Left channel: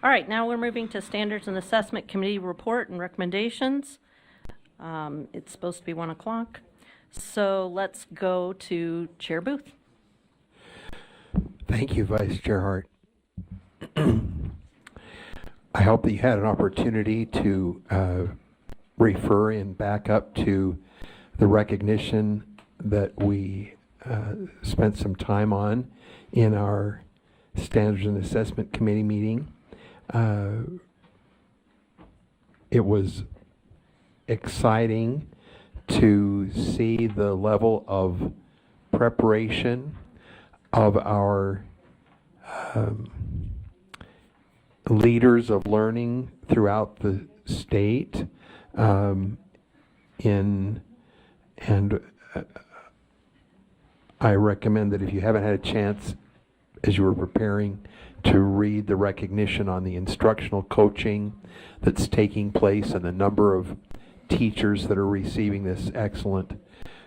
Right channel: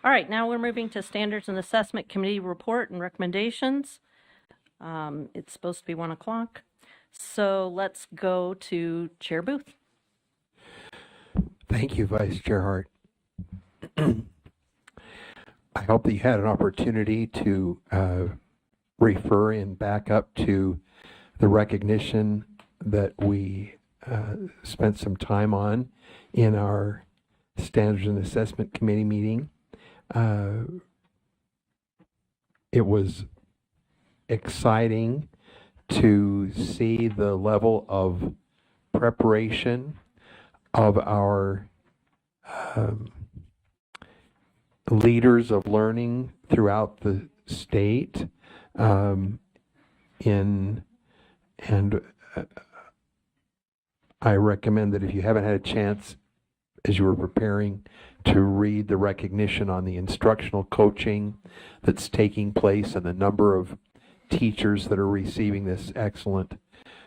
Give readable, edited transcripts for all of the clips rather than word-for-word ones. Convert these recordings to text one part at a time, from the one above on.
All right, now we're moving to Standards and Assessment Committee report and recommendations. It's supposed to be 1 o'clock. So let's go to Chair Booth. Thank you, Vice Chair Hart. I hope that you had an opportunity to refer and back up to the recognition that we spent some time on in our Standards and Assessment Committee meeting. It was exciting to see the level of preparation of our leaders of learning throughout the state, I recommend that if you haven't had a chance as you were preparing to read the recognition on the instructional coaching that's taking place and the number of teachers that are receiving this excellent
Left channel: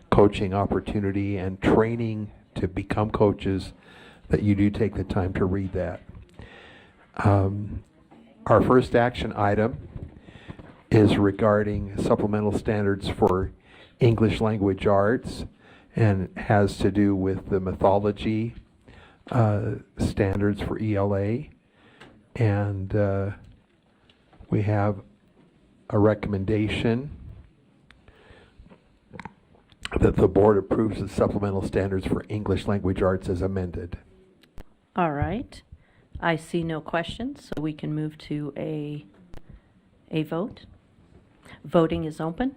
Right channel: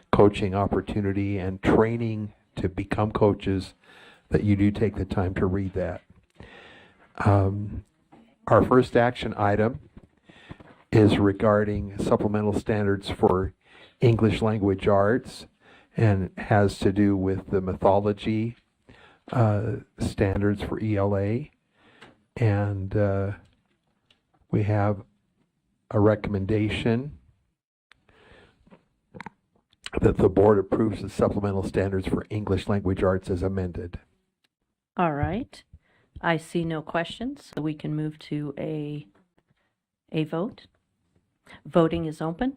coaching opportunity and training to become coaches, that you do take the time to read that. Our first action item is regarding supplemental standards for English language arts and has to do with the mythology standards for ELA. And we have a recommendation that the board approves the supplemental standards for English language arts as amended. All right. I see no questions, so we can move to a vote. Voting is open.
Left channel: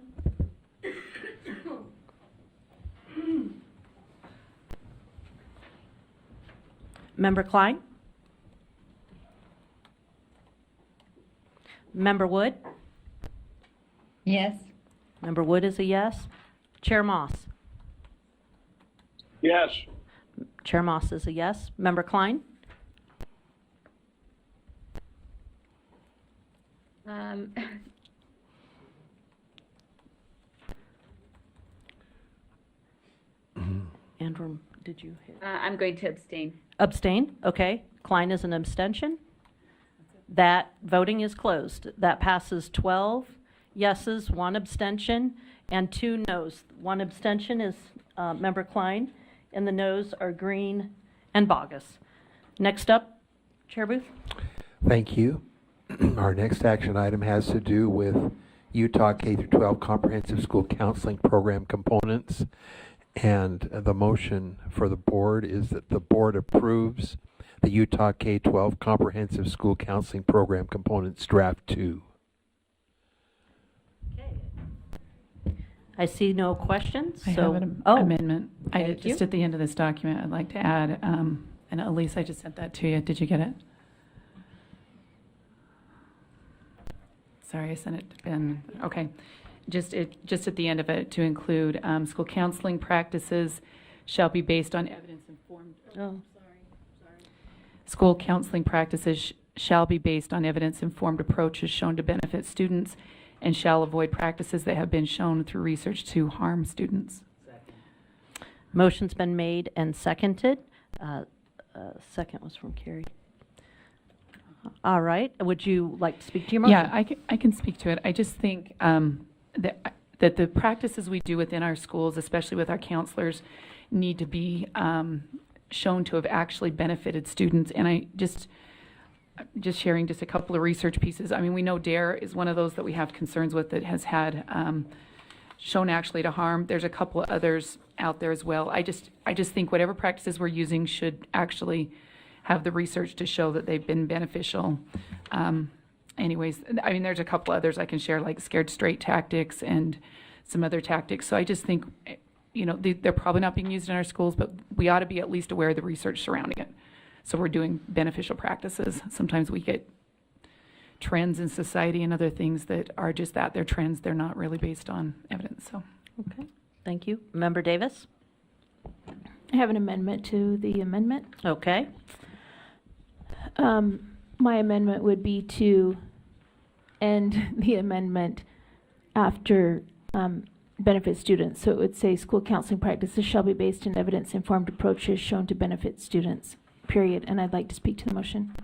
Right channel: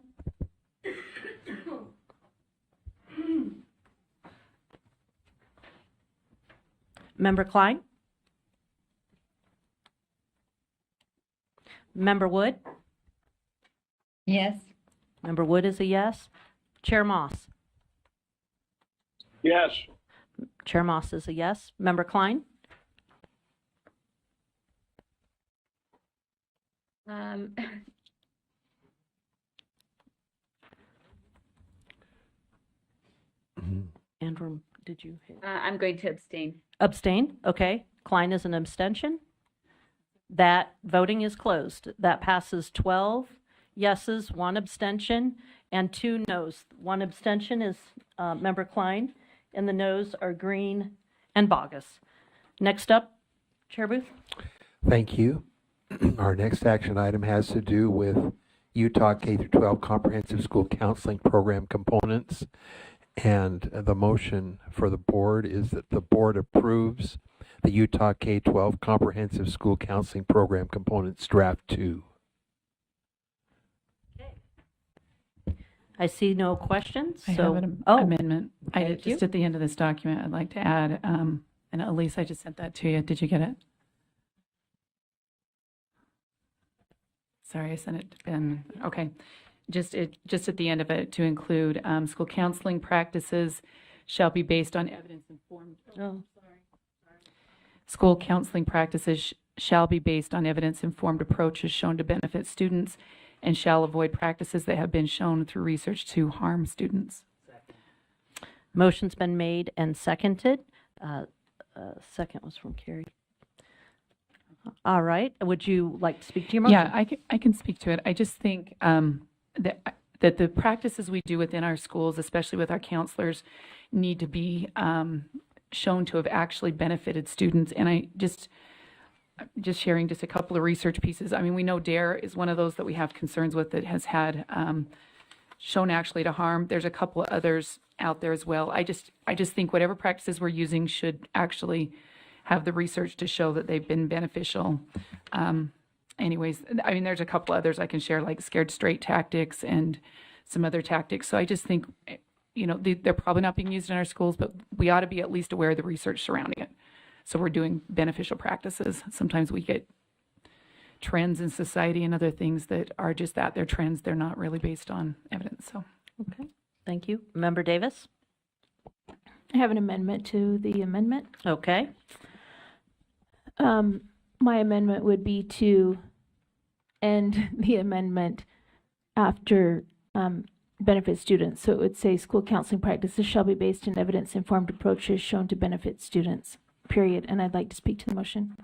Member Klein? Member Wood? Yes. Member Wood is a yes. Chair Moss? Yes. Chair Moss is a yes. Member Klein? Andrew, did you hit? I'm going to abstain. Abstain? Okay. Klein is an abstention. That voting is closed. That passes 12 yeses, 1 abstention, and 2 noes. 1 abstention is Member Klein, and the noes are Green and Bogus. Next up, Chair Booth. Thank you. Our next action item has to do with Utah K-12 Comprehensive School Counseling Program components. And the motion for the board is that the board approves the Utah K-12 Comprehensive School Counseling Program components draft 2. I see no questions. I so have an oh, amendment. thank you. Just at the end of this document, I'd like to add, and Elise, I just sent that to you. Did you get it? Sorry, I sent it to Ben. Okay. Just at the end of it, to include school counseling practices shall be based on evidence-informed. Oh. School counseling practices shall be based on evidence-informed approaches shown to benefit students and shall avoid practices that have been shown through research to harm students. Motion's been made and seconded. Second was from Carrie. All right. Would you like to speak to your motion? Yeah, I can speak to it. I just think that the practices we do within our schools, especially with our counselors, need to be shown to have actually benefited students. And I just sharing just a couple of research pieces. I mean, we know DARE is one of those that we have concerns with that has had shown actually to harm. There's a couple of others out there as well. I just think whatever practices we're using should actually have the research to show that they've been beneficial. Anyways, I mean, there's a couple others I can share, like scared straight tactics and some other tactics. So I just think, you know, they're probably not being used in our schools, but we ought to be at least aware of the research surrounding it. So we're doing beneficial practices. Sometimes we get trends in society and other things that are just that. They're trends. They're not really based on evidence. So, Okay. Thank you. Member Davis? I have an amendment to the amendment. Okay. My amendment would be to end the amendment after benefit students. So it would say school counseling practices shall be based on evidence-informed approaches shown to benefit students, period. And I'd like to speak to the motion.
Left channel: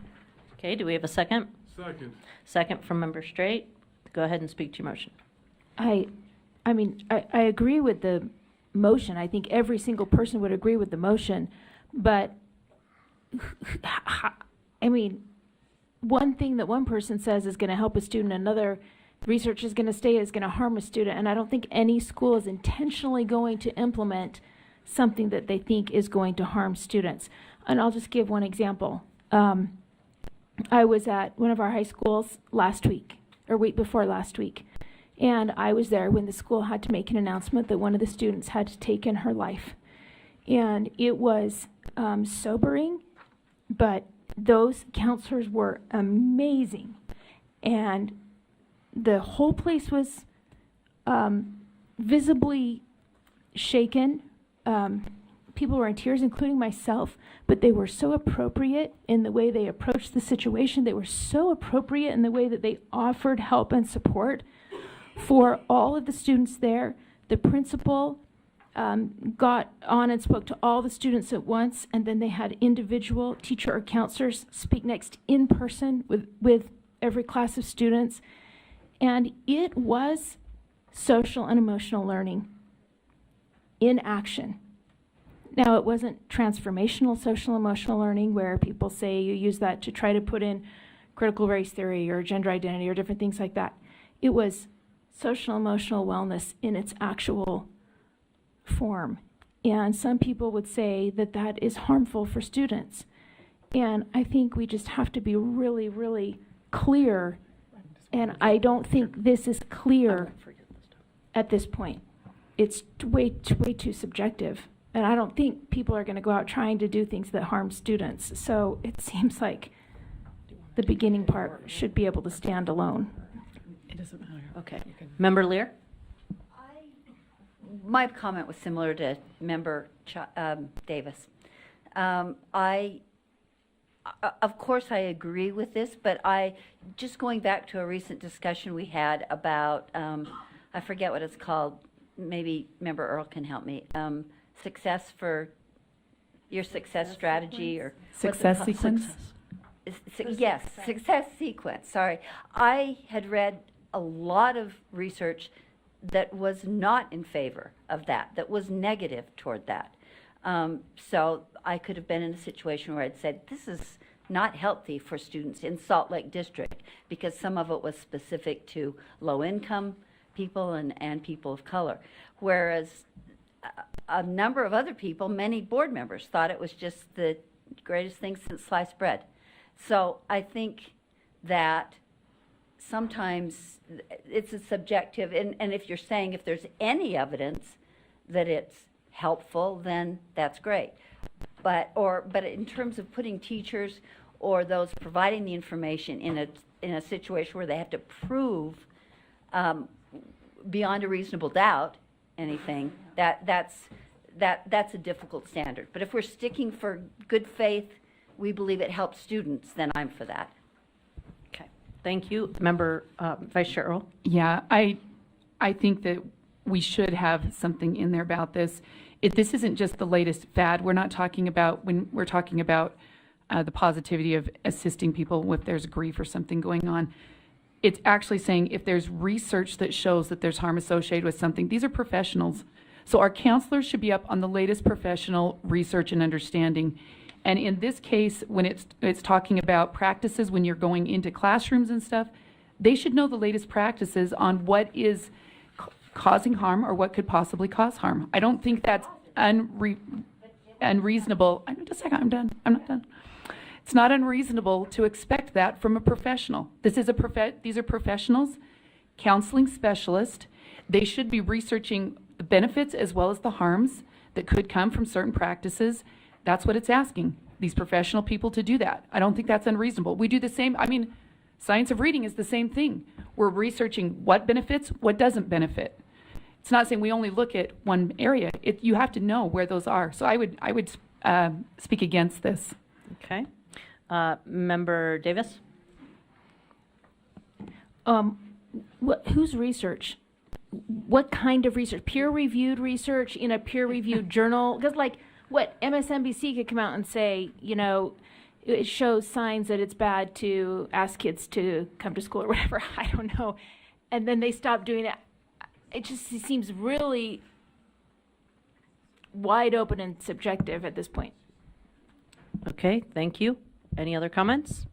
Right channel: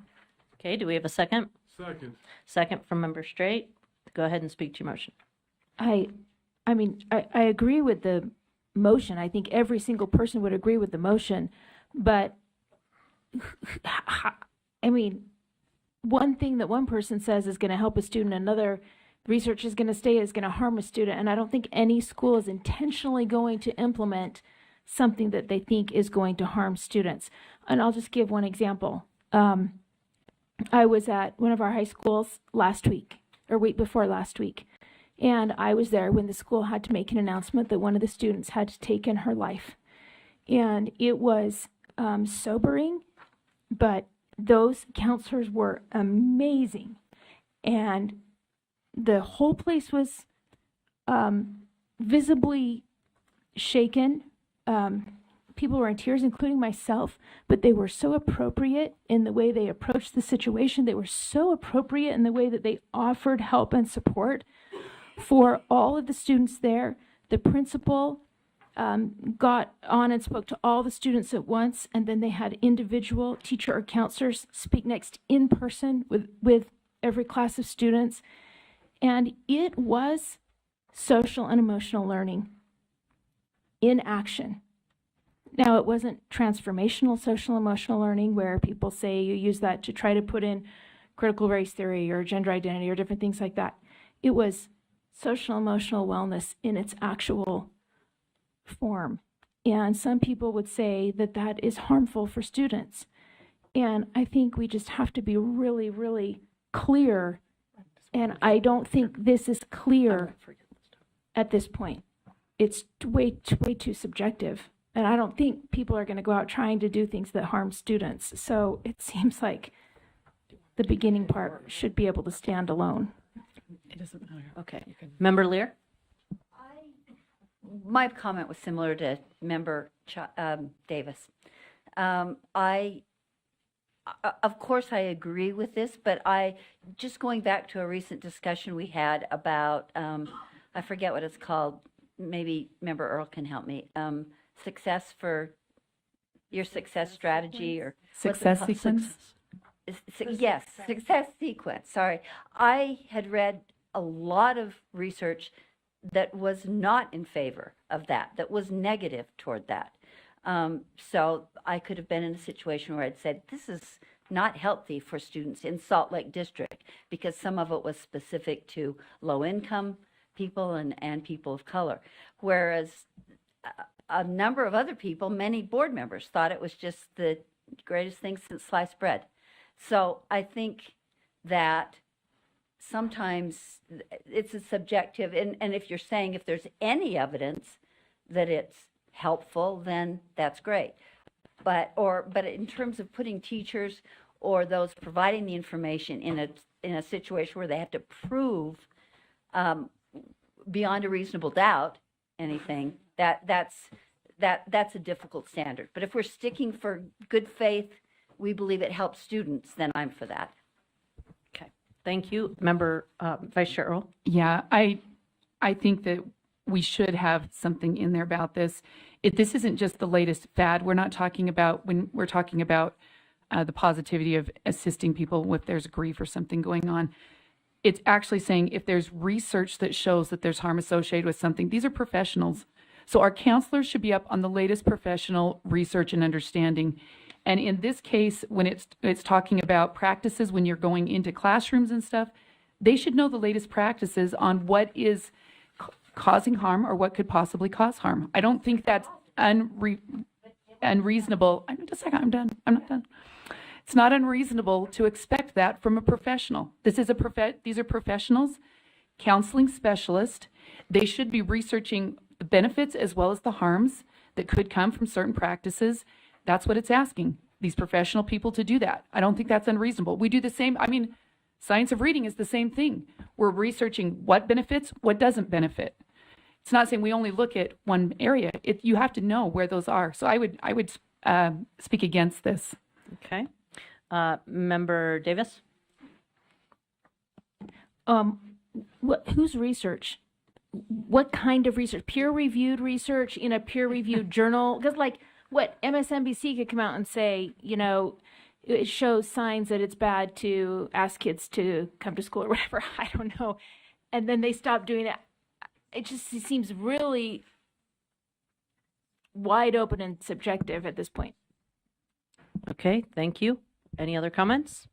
Okay. Do we have a second? Second. Second from Member Straight. Go ahead and speak to your motion. I mean, I agree with the motion. I think every single person would agree with the motion, but I mean, one thing that one person says is going to help a student, another research is going to say is going to harm a student, and I don't think any school is intentionally going to implement something that they think is going to harm students. And I'll just give one example. I was at one of our high schools last week, or week before last week, and I was there when the school had to make an announcement that one of the students had taken her life. And it was sobering, but those counselors were amazing. And the whole place was visibly shaken. People were in tears, including myself, but they were so appropriate in the way they approached the situation. They were so appropriate in the way that they offered help and support for all of the students there. The principal got on and spoke to all the students at once, and then they had individual teacher or counselors speak next in person with every class of students. And it was social and emotional learning in action. Now, it wasn't transformational social emotional learning where people say you use that to try to put in critical race theory or gender identity or different things like that. It was social emotional wellness in its actual form. And some people would say that that is harmful for students. And I think we just have to be really, really clear. And I don't think this is clear at this point. It's way too subjective. And I don't think people are going to go out trying to do things that harm students. So it seems like the beginning part should be able to stand alone. It doesn't matter. Okay. Member Lear? My comment was similar to Member Davis. Of course, I agree with this, but just going back to a recent discussion we had about, I forget what it's called, maybe Member Earl can help me, success strategy, or what's it Success called? sequence? Yes, success sequence, sorry. I had read a lot of research that was not in favor of that was negative toward that. So I could have been in a situation where I'd said, this is not healthy for students in Salt Lake District, because some of it was specific to low-income people and people of color. Whereas a number of other people, many board members, thought it was just the greatest thing since sliced bread. So I think that sometimes it's a subjective, and if you're saying if there's any evidence that it's helpful, then that's great. But in terms of putting teachers or those providing the information in a situation where they have to prove beyond a reasonable doubt anything, that's a difficult standard. But if we're sticking for good faith, we believe it helps students, then I'm for that. Okay. Thank you. Member Vice Chair Earl? Yeah, I think that we should have something in there about this. This isn't just the latest fad. We're not talking about, when we're talking about the positivity of assisting people if there's grief or something going on. It's actually saying if there's research that shows that there's harm associated with something, these are professionals. So our counselors should be up on the latest professional research and understanding. And in this case, when it's talking about practices when you're going into classrooms and stuff, they should know the latest practices on what is causing harm or what could possibly cause harm. I don't think that's unreasonable. Just a second, I'm done. I'm not done. It's not unreasonable to expect that from a professional. These are professionals, counseling specialists. They should be researching the benefits as well as the harms that could come from certain practices. That's what it's asking these professional people to do that. I don't think that's unreasonable. We do the same. Science of reading is the same thing. We're researching what benefits, what doesn't benefit. It's not saying we only look at one area. You have to know where those are. So I would speak against this. Okay. Member Davis? Whose research? What kind of research? Peer-reviewed research in a peer-reviewed journal? Because what MSNBC could come out and say, it shows signs that it's bad to ask kids to come to school or whatever. I don't know. And then they stop doing it. It just seems really wide open and subjective at this point. Okay, thank you. Any other comments?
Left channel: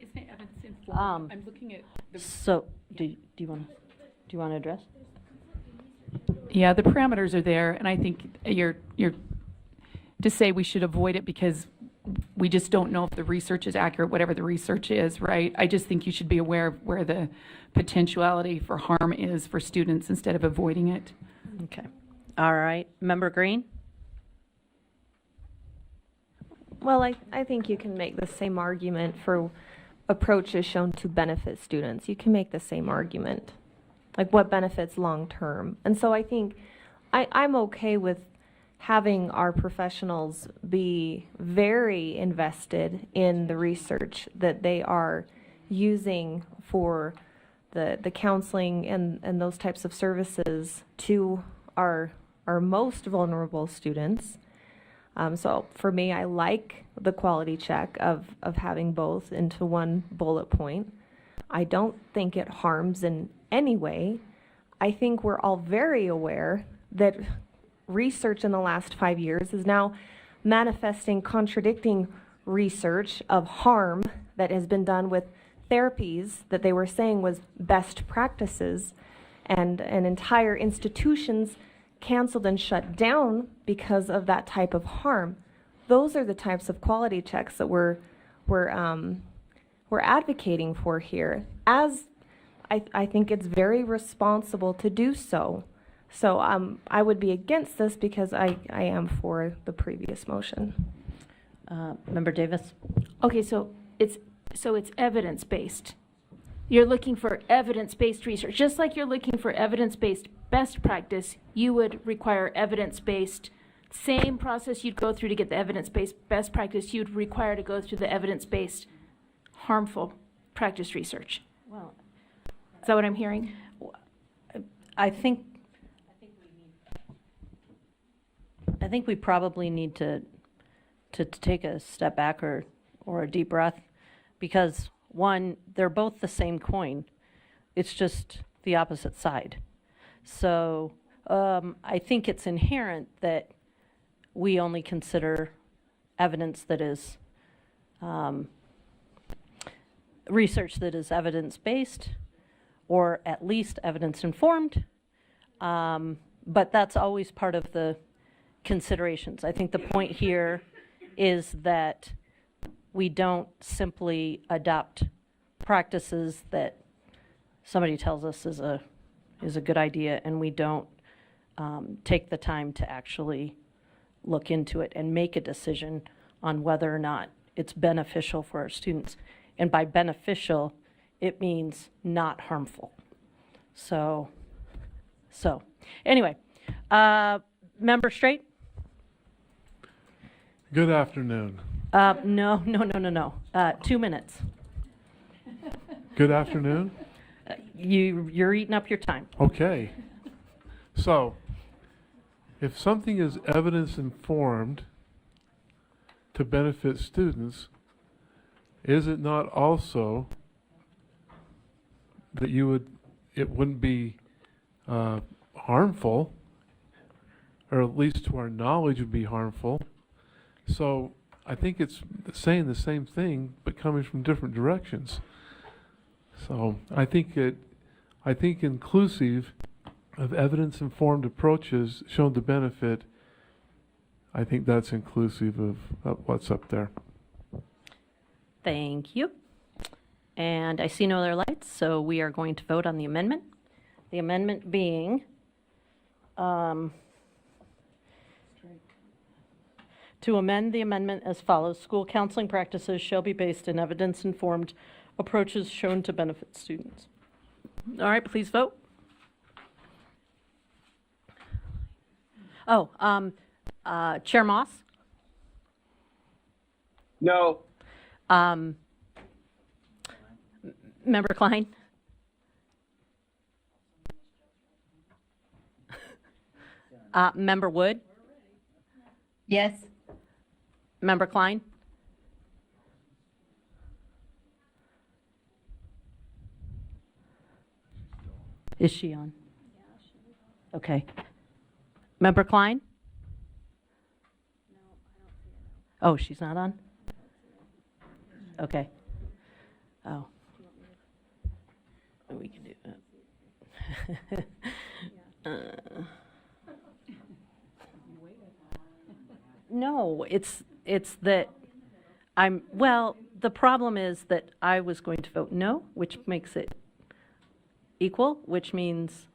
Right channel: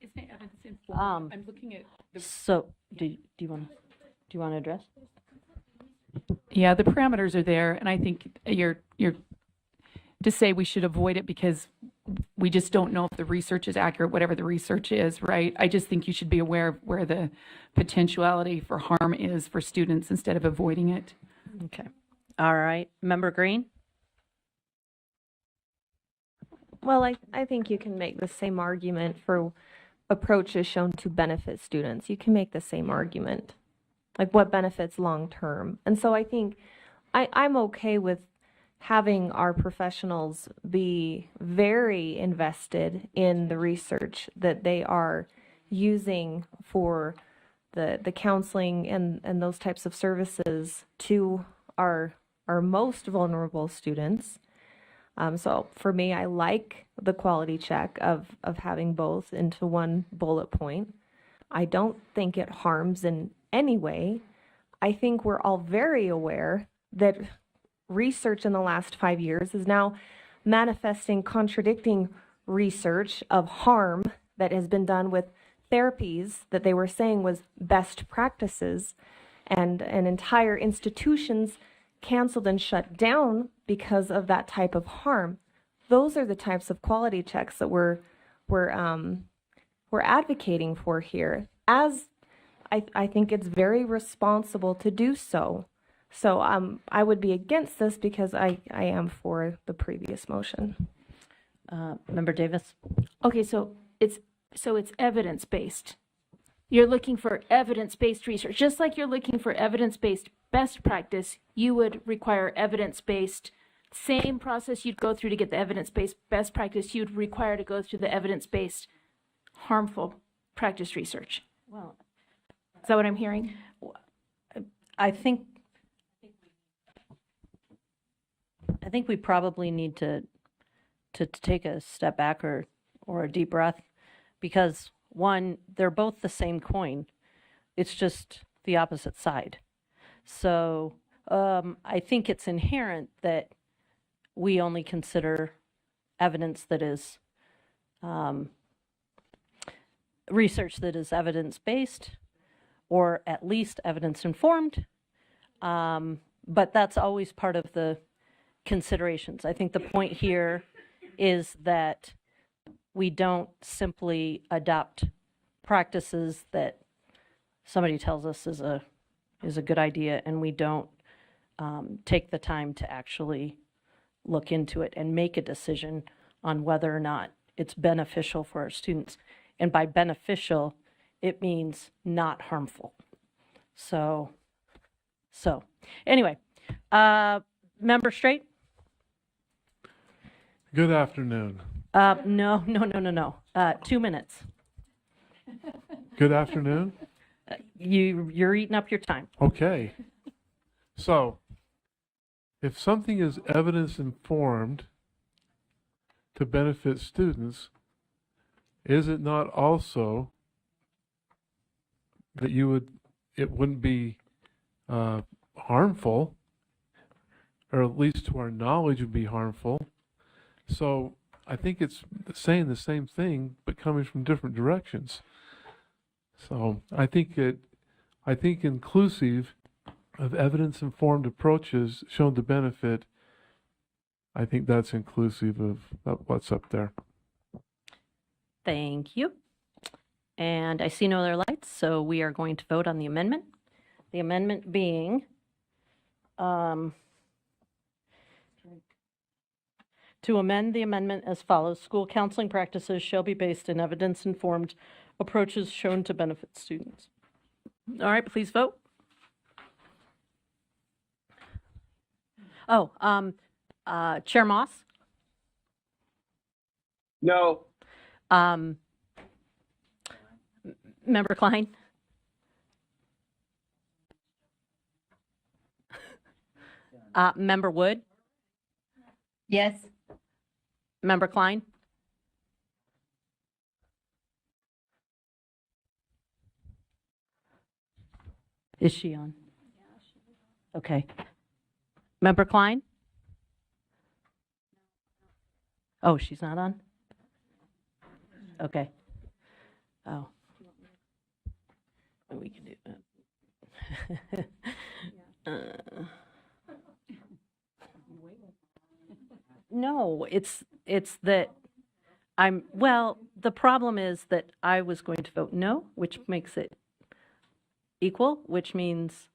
Isn't it evidence Um, I'm looking at So, do you want to address? Yeah, the parameters are there, and I think you're to say we should avoid it because we just don't know if the research is accurate, whatever the research is, right? I just think you should be aware of where the potentiality for harm is for students instead of avoiding it. Okay. All right. Member Green? Well, I think you can make the same argument for approaches shown to benefit students. You can make the same argument, like what benefits long term. And so I think I'm okay with having our professionals be very invested in the research that they are using for the counseling and those types of services to our most vulnerable students. So for me, I like the quality check of having both into one bullet point. I don't think it harms in any way. I think we're all very aware that research in the last 5 years is now manifesting contradicting research of harm that has been done with therapies that they were saying was best practices, and entire institutions canceled and shut down because of that type of harm. Those are the types of quality checks that we're advocating for here. As I think it's very responsible to do so. So I would be against this because I am for the previous motion. Member Davis? Okay, so it's evidence-based. You're looking for evidence-based research. Just like you're looking for evidence-based best practice, you would require evidence-based, same process you'd go through to get the evidence-based best practice, you'd require to go through the evidence-based harmful practice research. Well, Is that what I'm hearing? I think we probably need to take a step back or a deep breath, because one, they're both the same coin. It's just the opposite side. So I think it's inherent that we only consider evidence that is research that is evidence-based, or at least evidence-informed. But that's always part of the considerations. I think the point here is that we don't simply adopt practices that somebody tells us is a good idea, and we don't take the time to actually look into it and make a decision on whether or not it's beneficial for our students. And by beneficial, it means not harmful. So anyway, Member Straight? Good afternoon. No. 2 minutes. Good afternoon? You're eating up your time. Okay. So, if something is evidence informed to benefit students, is it not also that it wouldn't be harmful, or at least to our knowledge would be harmful? So I think it's saying the same thing, but coming from different directions. So I think inclusive of evidence-informed approaches shown to benefit, I think that's inclusive of what's up there. Thank you. And I see no other lights, so we are going to vote on the amendment. The amendment being to amend the amendment as follows: school counseling practices shall be based in evidence-informed approaches shown to benefit students. All right, please vote. Oh, Chair Moss? No. Member Klein? Member Wood? Yes. Member Klein? Is she on? Okay. Member Klein? Oh, she's not on? Okay. Oh. We can do that. No, it's that well, the problem is that I was going to vote no, which makes it equal, which means,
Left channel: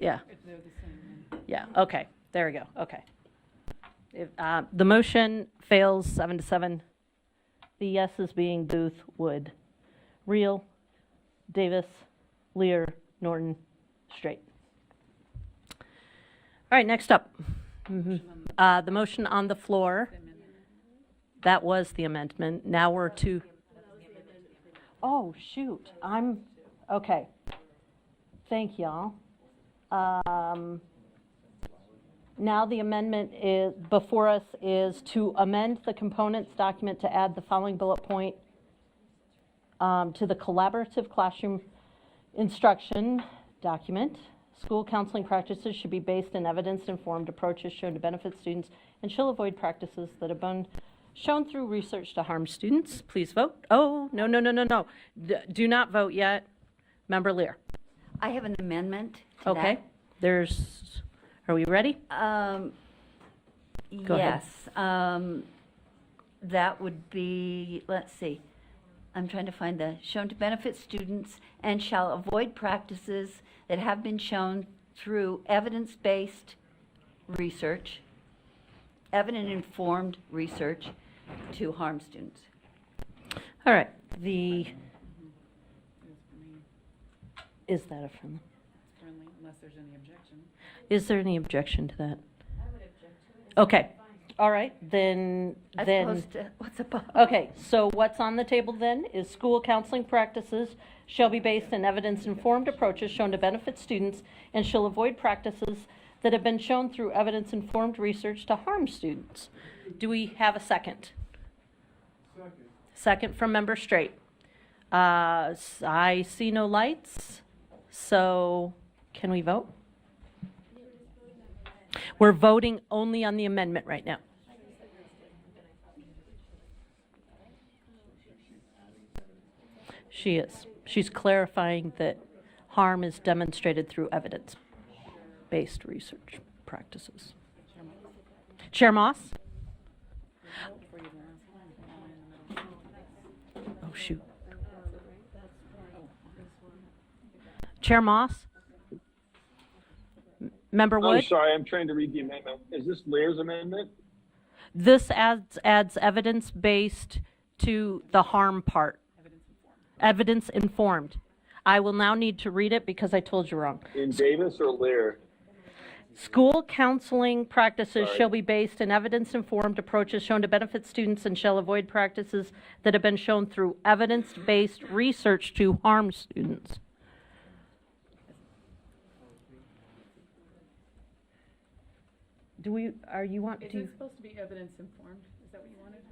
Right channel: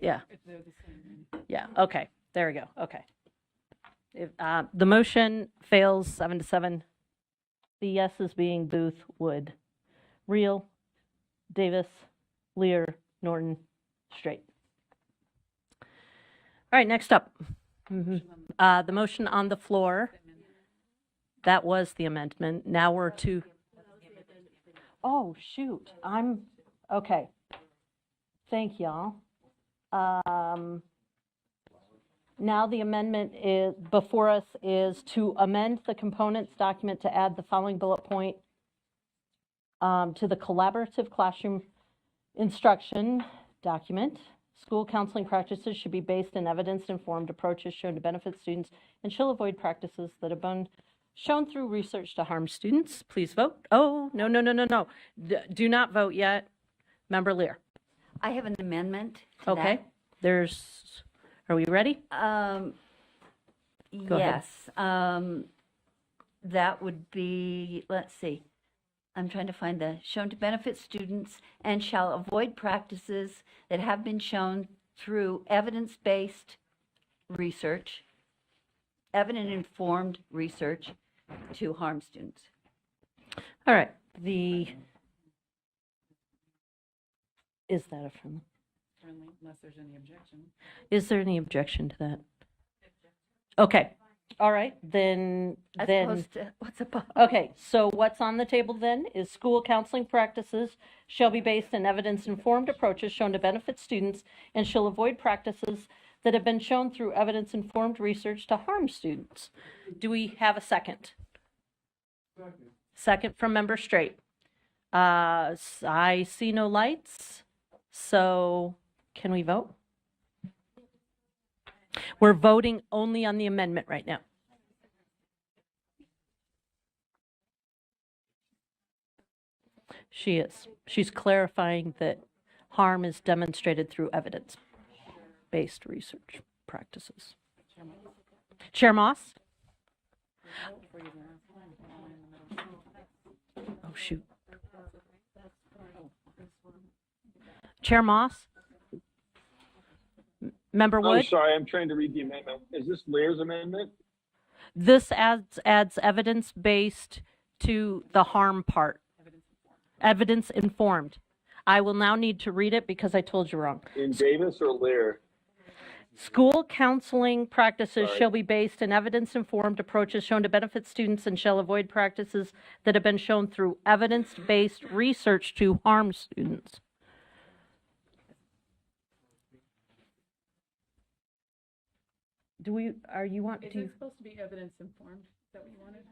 yeah. Yeah, okay, there we go, okay. The motion fails 7-7. The yeses being Booth, Wood, Reel, Davis, Lear, Norton, Straight. All right, next up. The motion on the floor, that was the amendment. Now we're to, oh, shoot, okay. Thank y'all. Now the amendment is before us is to amend the components document to add the following bullet point to the collaborative classroom instruction document. School counseling practices should be based in evidence-informed approaches shown to benefit students and shall avoid practices that have been shown through research to harm students. Please vote. Oh, no. Do not vote yet. Member Lear. I have an amendment to Okay. Are we ready? that. Go ahead. Yes. That would be, let's see. I'm trying to find the shown to benefit students and shall avoid practices that have been shown through evidence-based research, evidence-informed research to harm students. All right. Is that a friendly? Unless there's any objection. Is there any objection to that? Okay. All right. Then. As opposed to what's above. Okay. So what's on the table then is school counseling practices shall be based in evidence-informed approaches shown to benefit students and shall avoid practices that have been shown through evidence-informed research to harm students. Do we have a second? Second from Member Straight. I see no lights, so can we vote? We're voting only on the amendment right now. She is. She's clarifying that harm is demonstrated through evidence-based research practices. Chair Moss? Oh, shoot. Chair Moss? Member Wood? I'm sorry, I'm trying to read the amendment. Is this Lear's amendment? This adds evidence-based to the harm part. Evidence-informed. I will now need to read it because I told you wrong. In Davis or Lear? School counseling practices Sorry. shall be based in evidence-informed approaches shown to benefit students and shall avoid practices that have been shown through evidence-based research to harm students. Are you want Is to? it supposed to be evidence informed? Is that what you wanted?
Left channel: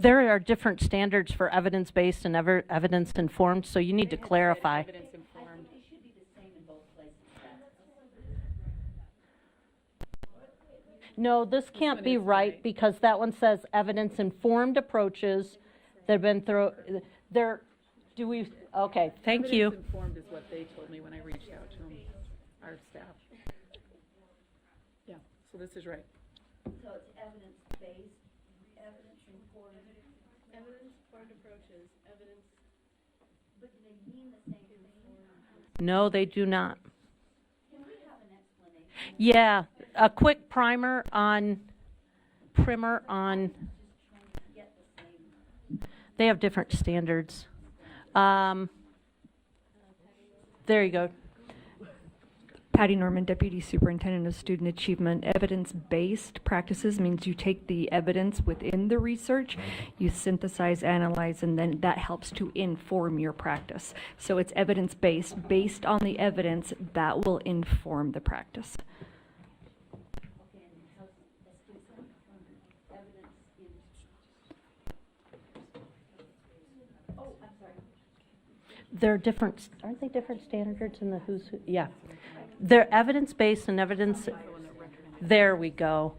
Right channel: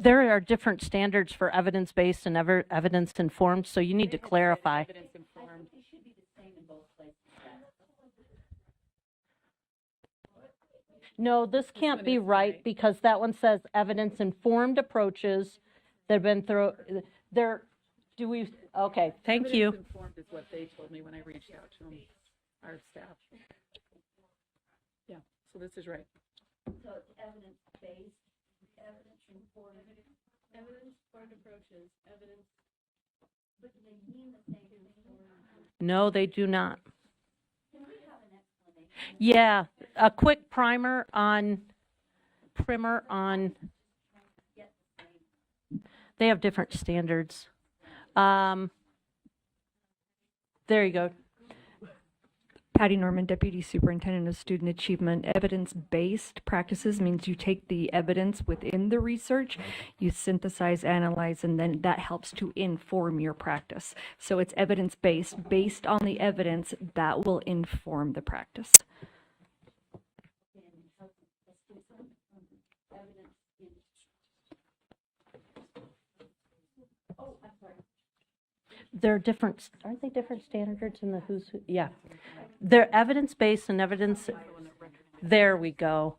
There are different standards for evidence-based and evidence-informed, so you need to clarify. Evidence informed. No, this can't be right because that one says evidence-informed approaches that have been okay, thank you. Evidence informed is what they told me when I reached out to them, our staff. Yeah, so this is right. So it's evidence-based, evidence-informed. Evidence-informed approaches, evidence, but do they mean the same thing? No, they do not. Yeah, a quick primer on, they have different standards. There you go. Patty Norman, Deputy Superintendent of Student Achievement. Evidence-based practices means you take the evidence within the research, you synthesize, analyze, and then that helps to inform your practice. So it's evidence-based. Based on the evidence, that will inform the practice. There are different, aren't they different standards in the who's who? Yeah. They're evidence-based and evidence, there we go.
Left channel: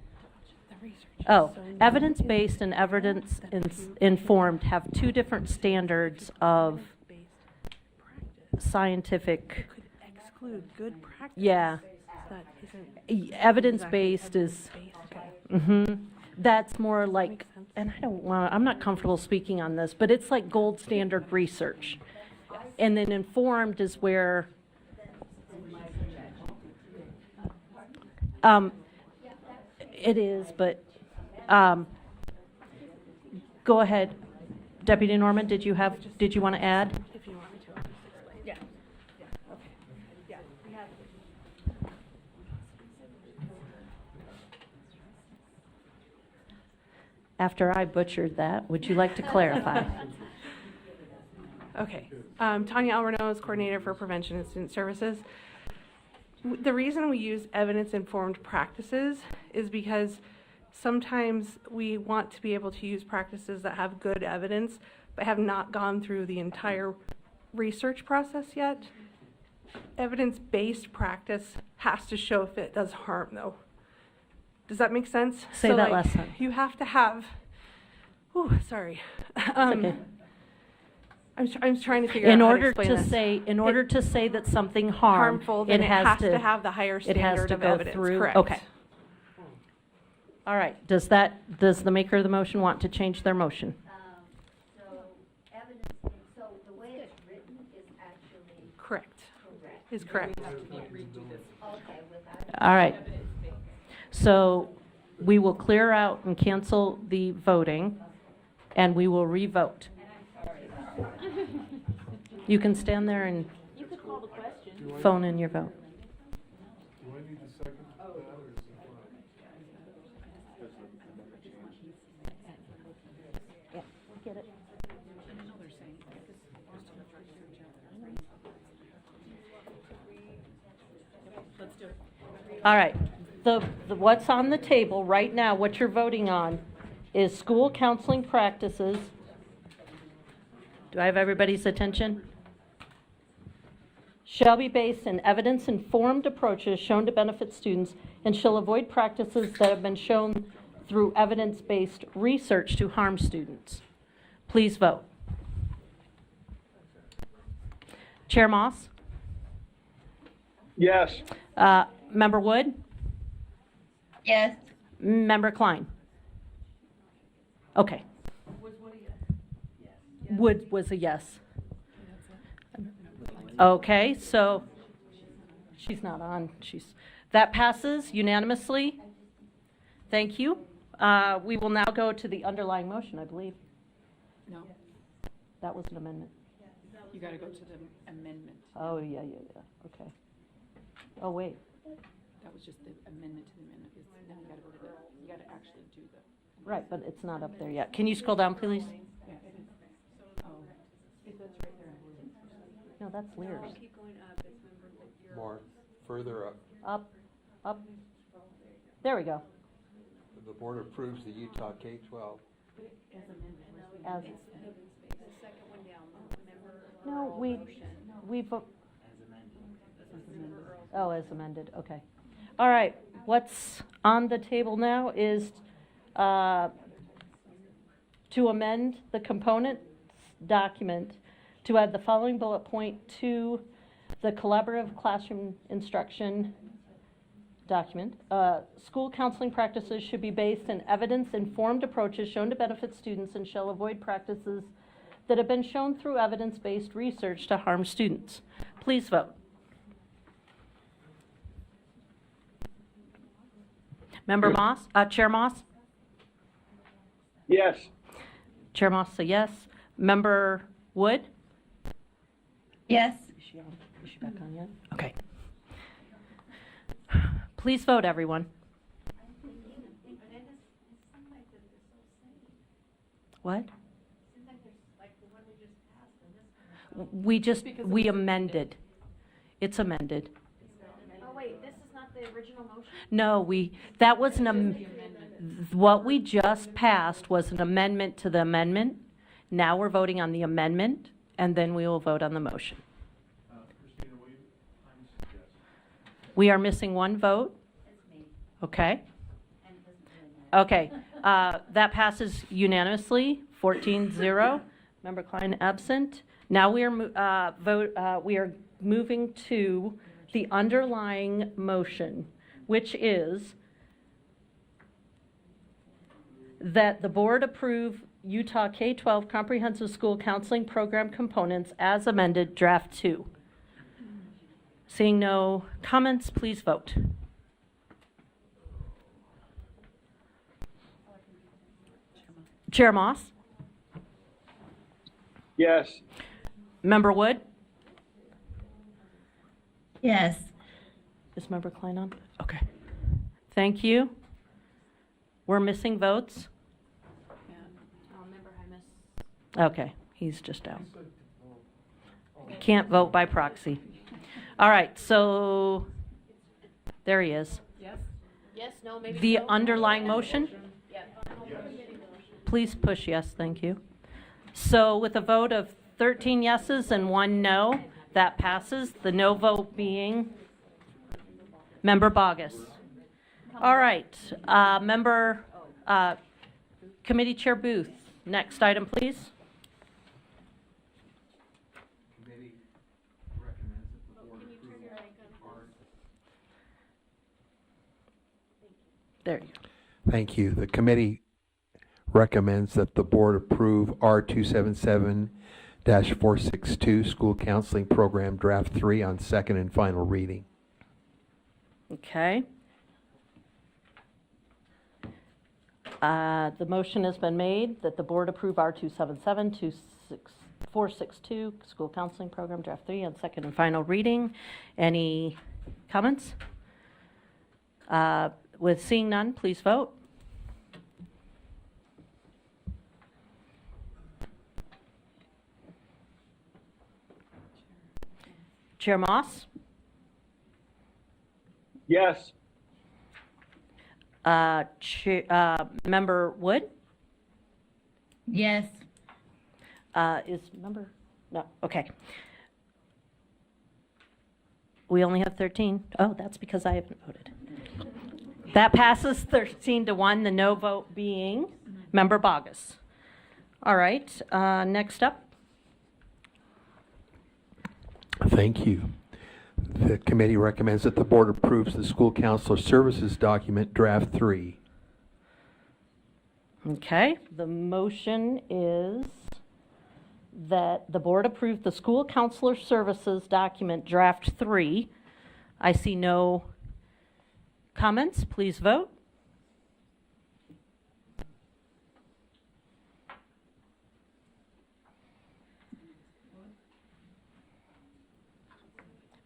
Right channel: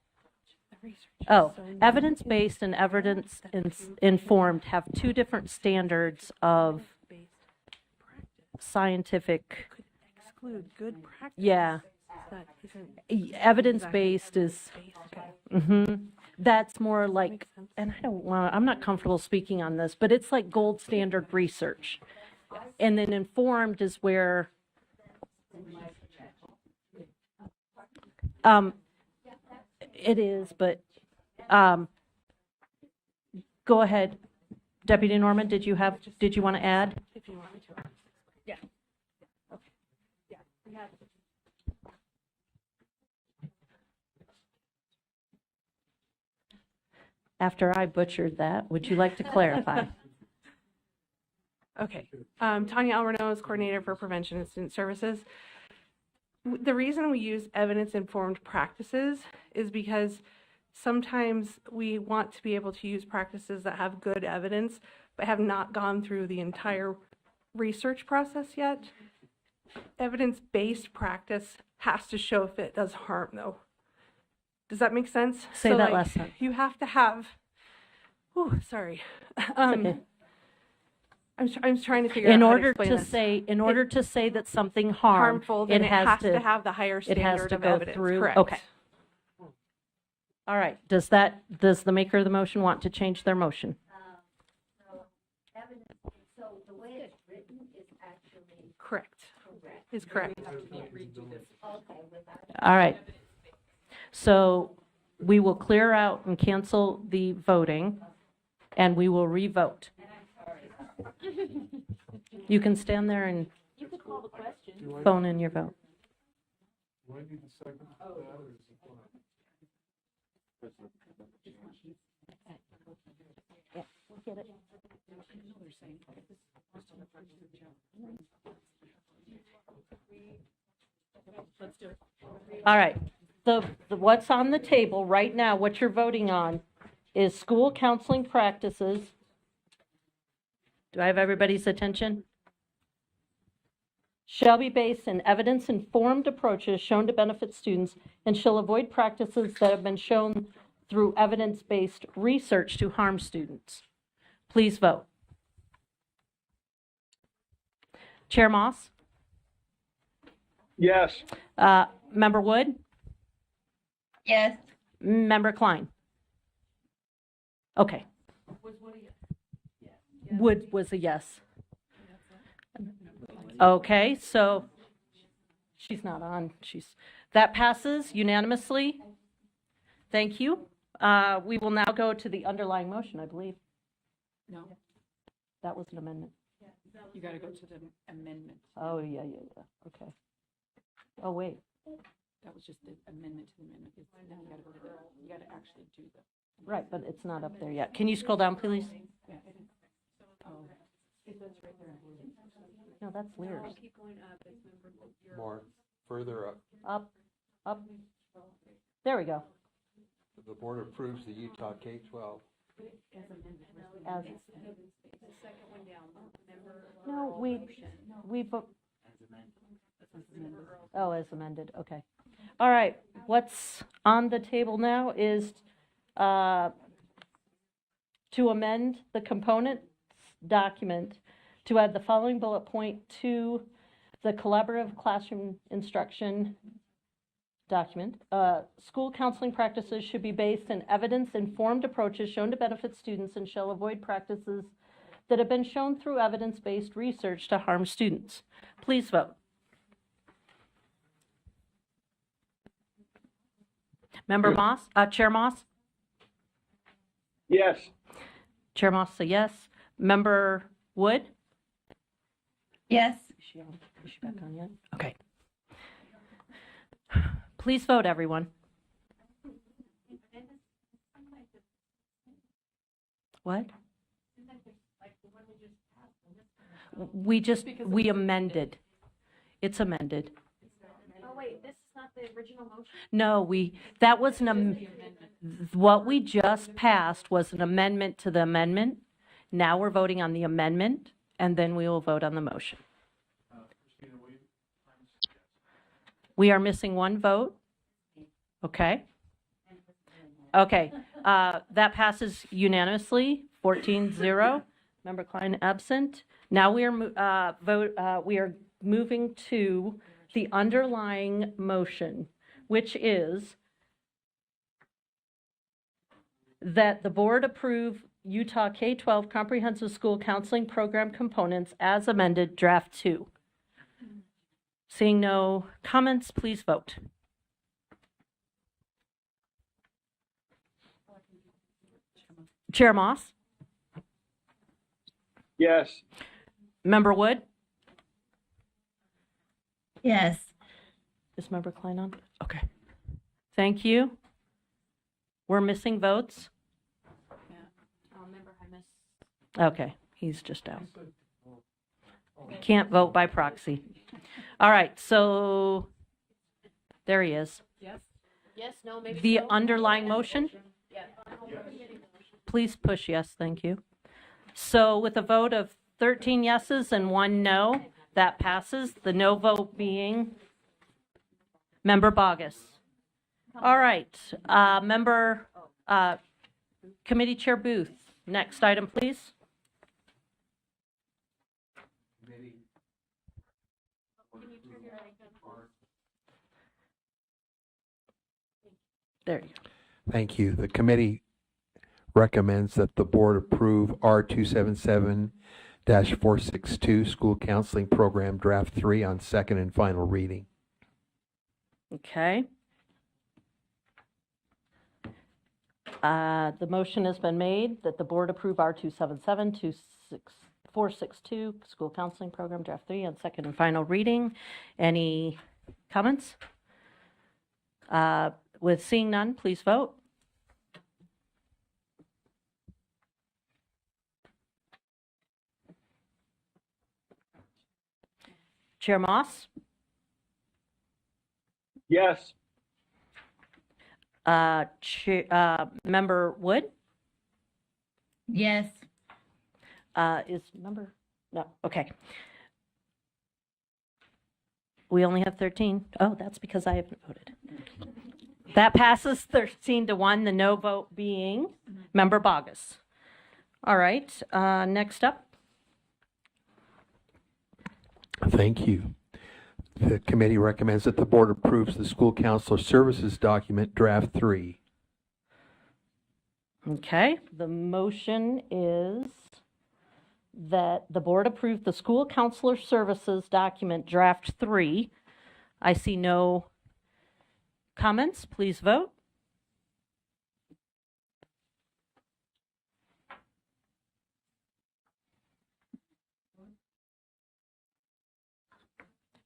Oh, evidence-based and evidence-informed have two different standards of scientific. Exclude good practice. Yeah. That isn't Evidence-based is, okay. that's more like, and I'm not comfortable speaking on this, but it's like gold standard research. And then informed is where, it is, but, go ahead. Deputy Norman, did you want to add? If you want me to. Yeah. After I butchered that, would you like to clarify? Okay. Tanya Alvarez, Coordinator for Prevention and Student Services. The reason we use evidence-informed practices is because sometimes we want to be able to use practices that have good evidence, but have not gone through the entire research process yet. Evidence-based practice has to show if it does harm, though. Does that make sense? Say that last time. You have to have, oh, sorry. Okay. I'm trying to figure out how to explain this. In order to say that something Harmful, harmed, then it has to have the higher it has standard to of go evidence, through. correct? Okay. All right. Does the maker of the motion want to change their motion? Correct. Is correct. All right. So we will clear out and cancel the voting, and we will re-vote. You can stand there and phone in your vote. All right, the what's on the table right now, what you're voting on is school counseling practices. Do I have everybody's attention? Shall be based in evidence-informed approaches shown to benefit students and shall avoid practices that have been shown through evidence-based research to harm students. Please vote. Chair Moss? Yes. Member Wood? Yes. Member Klein? Okay. Wood was a yes. Okay, so she's not on. That passes unanimously. Thank you. We will now go to the underlying motion, I believe. No, That was an amendment. you gotta go to the amendment. Oh, yeah. Okay. Oh, wait. That was just the amendment to the amendment. Then you gotta go to the, you gotta actually do the. Right, but it's not up there yet. Can you scroll down, please? No, that's Lear's. More, further up. Up. There we go. The board approves the Utah K-12. As. No, we vote. Oh, as amended, okay. All right, what's on the table now is to amend the components document to add the following bullet point to the collaborative classroom instruction document. School counseling practices should be based in evidence-informed approaches shown to benefit students and shall avoid practices that have been shown through evidence-based research to harm students. Please vote. Member Moss, Chair Moss? Yes. Chair Moss, a yes. Member Wood? Yes. Is she back on yet? Okay. Please vote, everyone. What? We amended. It's amended. Oh, wait, this is not the original motion? No, that was what we just passed was an amendment to the amendment. Now we're voting on the amendment and then we will vote on the motion. We are missing one vote. Okay. Okay, that passes unanimously, 14-0. Member Klein absent. Now we are we are moving to the underlying motion, which is that the board approve Utah K-12 Comprehensive School Counseling Program components as amended, draft 2. Seeing no comments, please vote. Chair Moss? Yes. Member Wood? Yes. Is Member Klein on? Okay. Thank you. We're missing votes? Okay, he's just out. Can't vote by proxy. All right, so there he is. Yes, no, maybe. The underlying motion? Please push yes, thank you. So with a vote of 13 yeses and 1 no, that passes. The no vote being Member Bogus. All right, Committee Chair Booth, next item, please. There you go. Thank you. The committee recommends that the board approve R277-462 School Counseling Program Draft 3 on second and final reading. Okay. The motion has been made that the board approve R277-462 School Counseling Program Draft 3 on second and final reading. Any comments? With seeing none, please vote. Chair Moss? Yes. Member Wood? Yes. Is member? No, okay. We only have 13. Oh, that's because I haven't voted. That passes 13-1, the no vote being Member Bogus. All right, next up. Thank you. The committee recommends that the board approves the School Counselor Services Document Draft 3. Okay, the motion is that the board approve the School Counselor Services Document Draft 3. I see no comments. Please vote.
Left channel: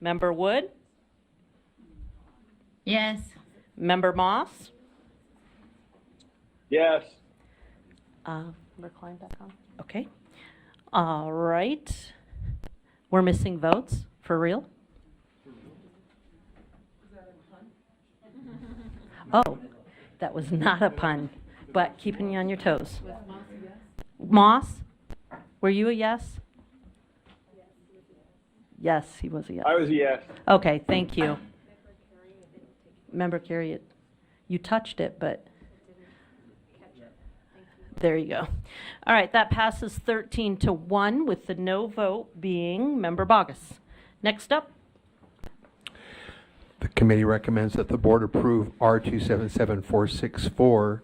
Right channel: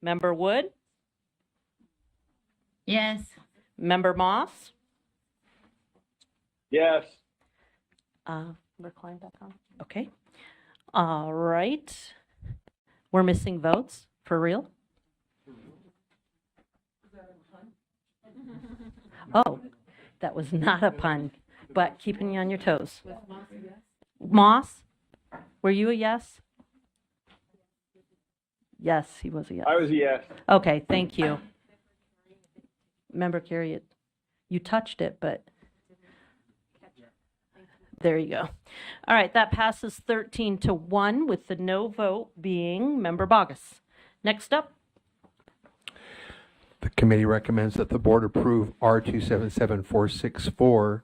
Member Wood? Yes. Member Moss? Yes. Member Klein back on? Okay. All right. We're missing votes, for real? Oh, that was not a pun, but keeping you on your toes. Moss, were you a yes? Yes, he was a yes. I was a yes. Okay, thank you. Member Carey, you touched it, but there you go. All right, that passes 13-1 with the no vote being Member Bogus. Next up. The committee recommends that the board approve R277-464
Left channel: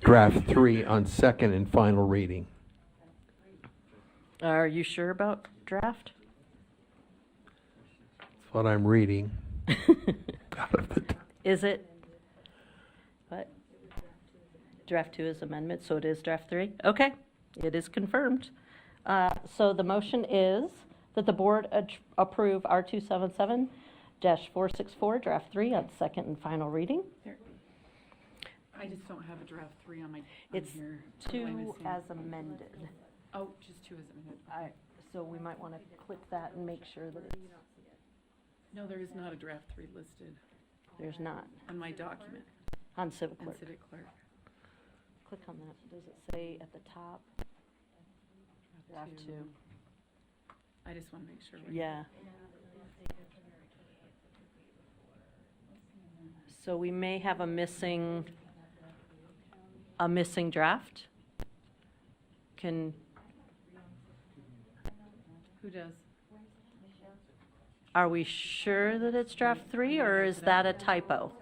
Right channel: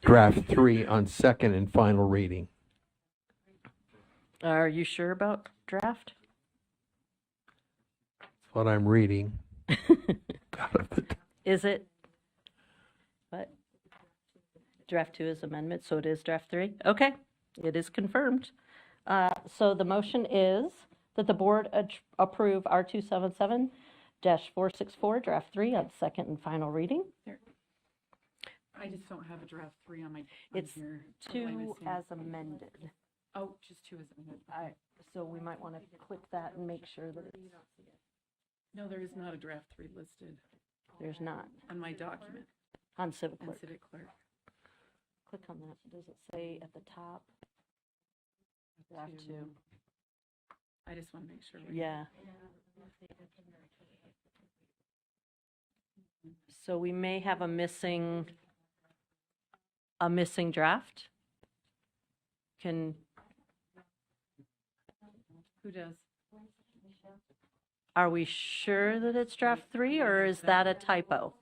Draft 3 on second and final reading. Are you sure about draft? That's what I'm reading. Out of the Is it? What? Draft 2 is amendment, so it is draft 3? Okay, it is confirmed. So the motion is that the board approve R277-464 draft 3 on second and final reading. I just don't have a draft 3 on my. It's here. 2 as amended. Oh, just 2 as amended. So we might want to click that and make sure that it's, No, there is not a draft 3 listed there's not on my document on Civic on Clerk. Civic Clerk. Click on that. Does it say at the top? Draft 2. I just want to make sure. Yeah. So we may have a missing draft. Who does? Are we sure that it's draft 3, or is that a typo?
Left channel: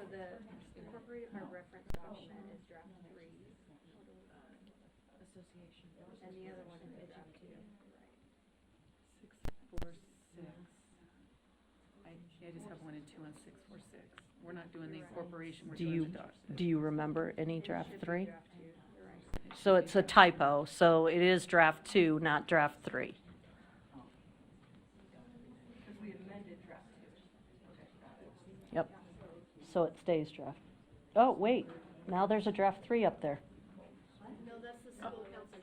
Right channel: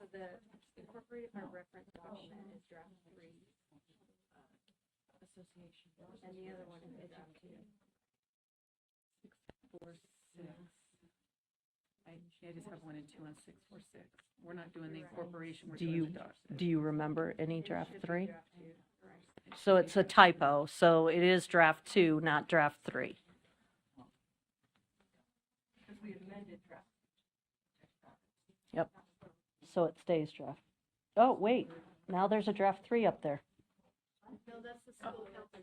I just have 1 and 2 on 646. We're not doing the incorporation, we're Do doing you, the adoption. do you remember any draft 3? So it's a typo, so it is draft 2, not draft 3. Yep, so it stays draft. Oh, wait, now there's a draft 3 up there.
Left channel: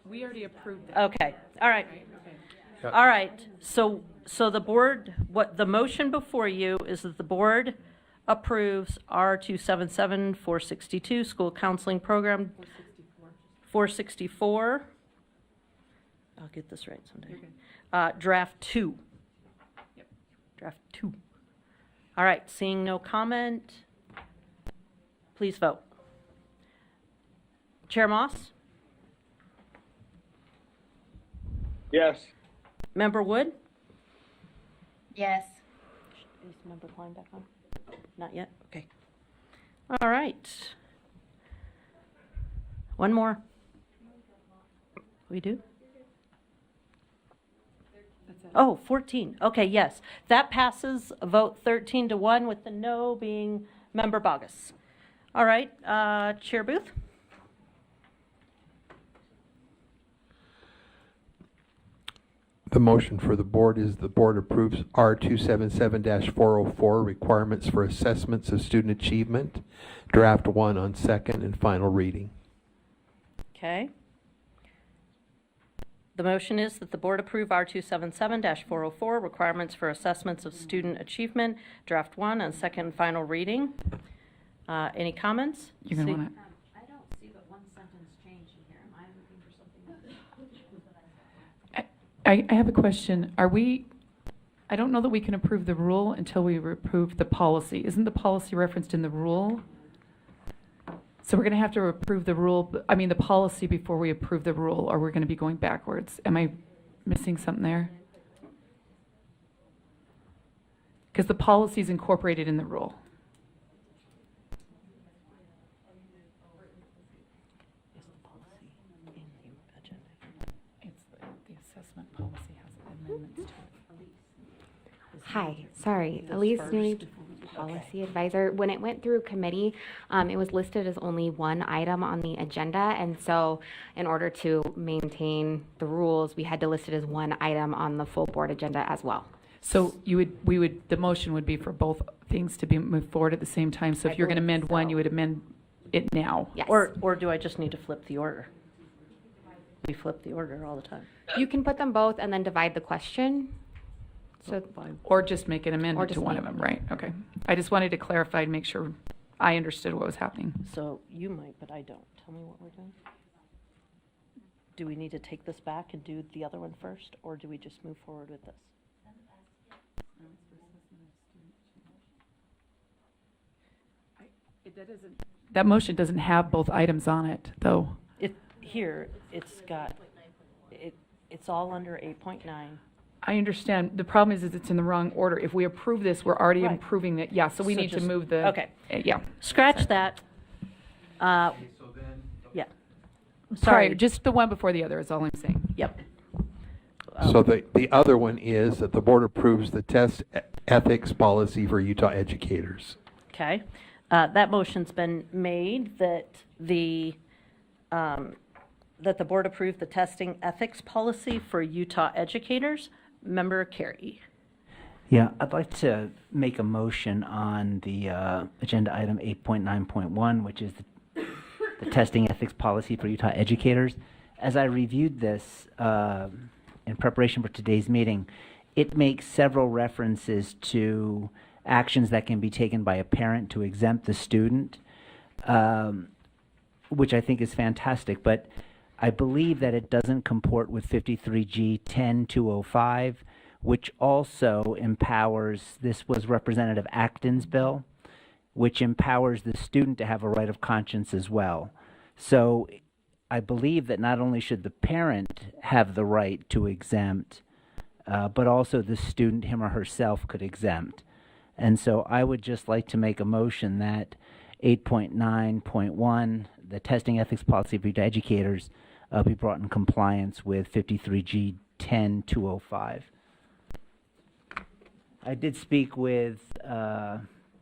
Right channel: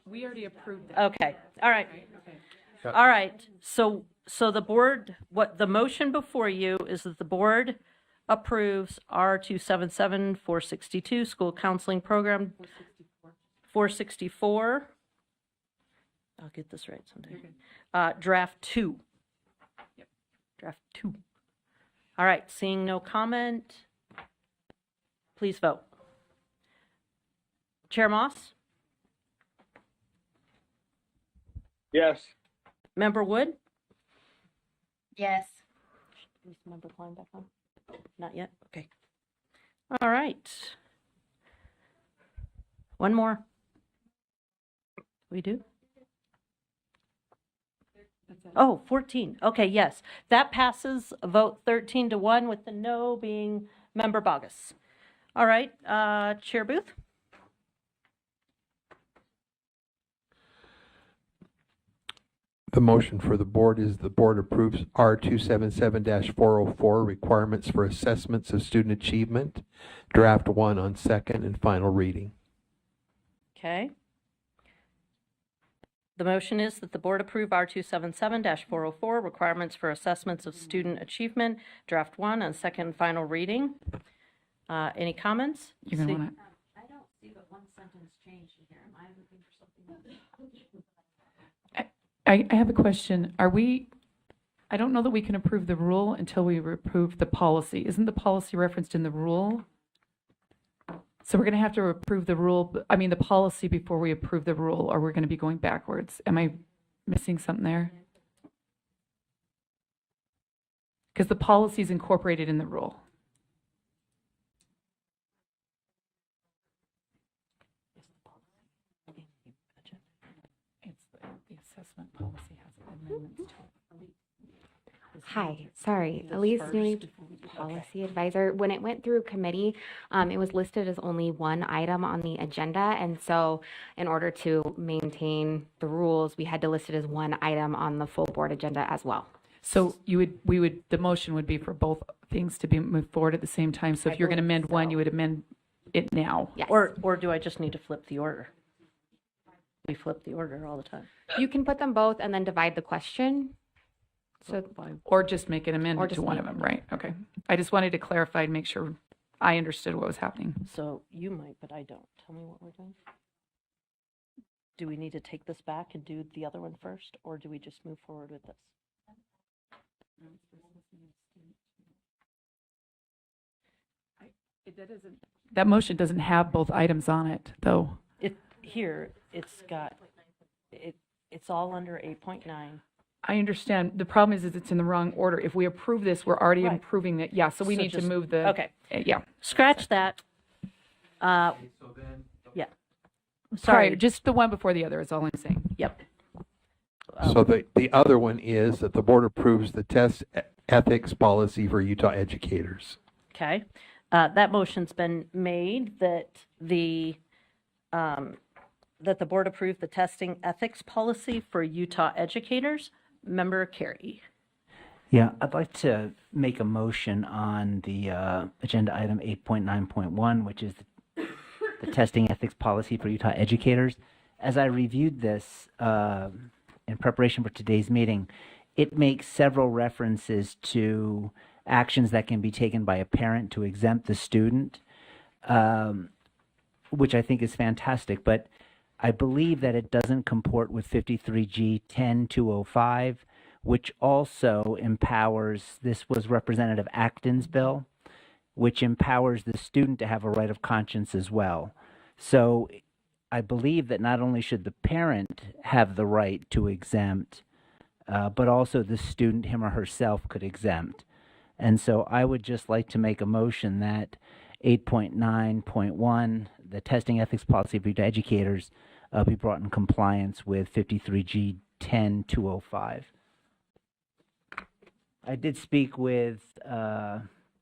We already approved that. Okay, all right. All right, so the board, what the motion before you is that the board approves R277 462 school counseling program 464. I'll get this right sometime. Draft 2. Yep. Draft 2. All right, seeing no comment, please vote. Chair Moss? Yes. Member Wood? Yes. Is Member Klein back on? Not yet? Okay. All right. One more. We do? Oh, 14. Okay, yes. That passes a vote 13-1 with the no being Member Bogus. All right, Chair Booth? The motion for the board is the board approves R277-404 requirements for assessments of student achievement, draft 1 on second and final reading. Okay. The motion is that the board approve R277-404 requirements for assessments of student achievement, draft 1 on second and final reading. Any comments? You're going to want to. I have a question. I don't know that we can approve the rule until we approve the policy. Isn't the policy referenced in the rule? So we're going to have to approve the rule, the policy before we approve the rule, or we're going to be going backwards. Am I missing something there? Because the policy is incorporated in the rule. The assessment policy has amendments to it. Hi, sorry, Elise New, policy advisor. When it went through committee, it was listed as only one item on the agenda, and so in order to maintain the rules, we had to list it as one item on the full board agenda as well. So the motion would be for both things to be moved forward at the same time. So if you're going to amend one, you would amend it now. Yes. Or do I just need to flip the order? We flip the order all the time. You can put them both and then divide the question. So Or just make an amendment to one of them, right? Okay. I just wanted to clarify and make sure I understood what was happening. So you might, but I don't. Tell me what we're doing. Do we need to take this back and do the other one first, or do we just move forward with this? That motion doesn't have both items on it, though. It's all under 8.9. I understand. The problem is it's in the wrong order. If we approve this, we're already Right. approving it. Yeah, so we So need to just- move the. okay. Yeah. Scratch that. Yeah. Sorry, Sorry. just the one before the other is all I'm saying. Yep. So the other one is that the board approves the test ethics policy for Utah educators. Okay. That motion's been made that the board approve the testing ethics policy for Utah educators. Member Carey. Yeah, I'd like to make a motion on the agenda item 8.9.1, which is the testing ethics policy for Utah educators. As I reviewed this in preparation for today's meeting, it makes several references to actions that can be taken by a parent to exempt the student, which I think is fantastic, but I believe that it doesn't comport with 53G 10.205, which also empowers, this was Representative Acton's bill, which empowers the student to have a right of conscience as well. So I believe that not only should the parent have the right to exempt, but also the student, him or herself, could exempt. And so I would just like to make a motion that 8.9.1, the testing ethics policy for educators, be brought in compliance with 53G 10-205. I did speak with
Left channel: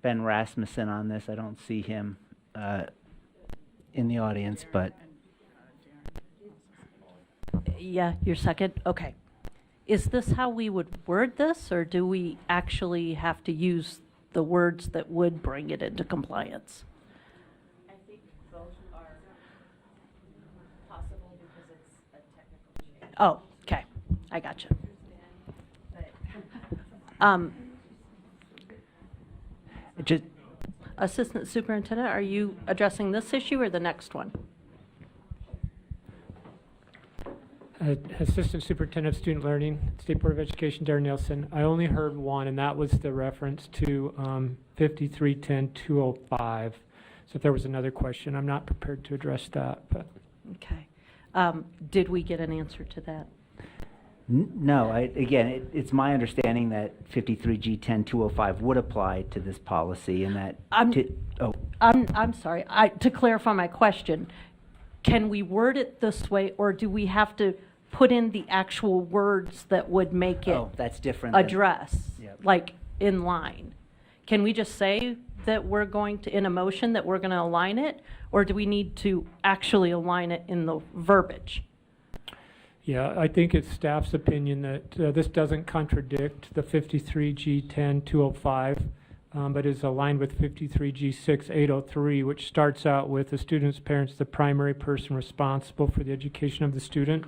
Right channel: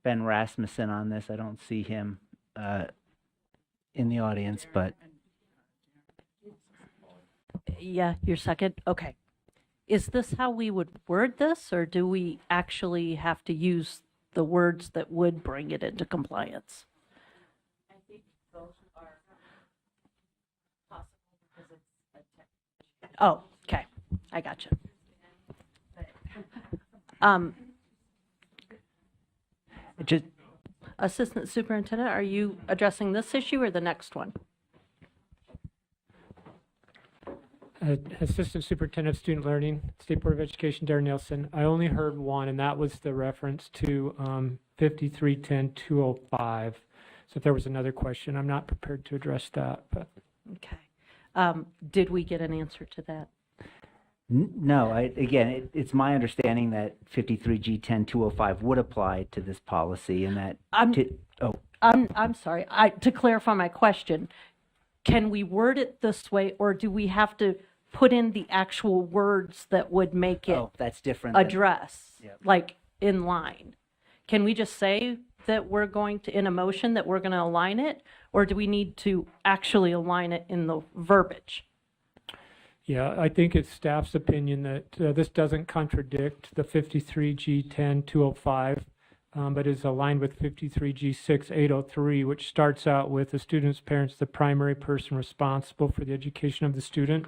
Ben Rasmussen on this. I don't see him in the audience, but Yeah, your second, okay. Is this how we would word this, or do we actually have to use the words that would bring it into compliance? I think both are possible because it's a technical change. Oh, okay, I got you. just Assistant Superintendent, are you addressing this issue or the next one? Assistant Superintendent of Student Learning, State Board of Education, Darren Nielsen. I only heard one, and that was the reference to 5310-205. So if there was another question, I'm not prepared to address that. But Okay. Did we get an answer to that? no, it's my understanding that 53G 10-205 would apply to this policy, and that I'm sorry, to clarify my question, can we word it this way, or do we have to put in the actual words that would make it that's different. than- address, Yep. like in line? Can we just say that we're going to, in a motion, that we're going to align it, or do we need to actually align it in the verbiage? yeah, I think it's staff's opinion that this doesn't contradict the 53G 10-205, but is aligned with 53G 6-803, which starts out with the student's parents, the primary person responsible for the education of the student.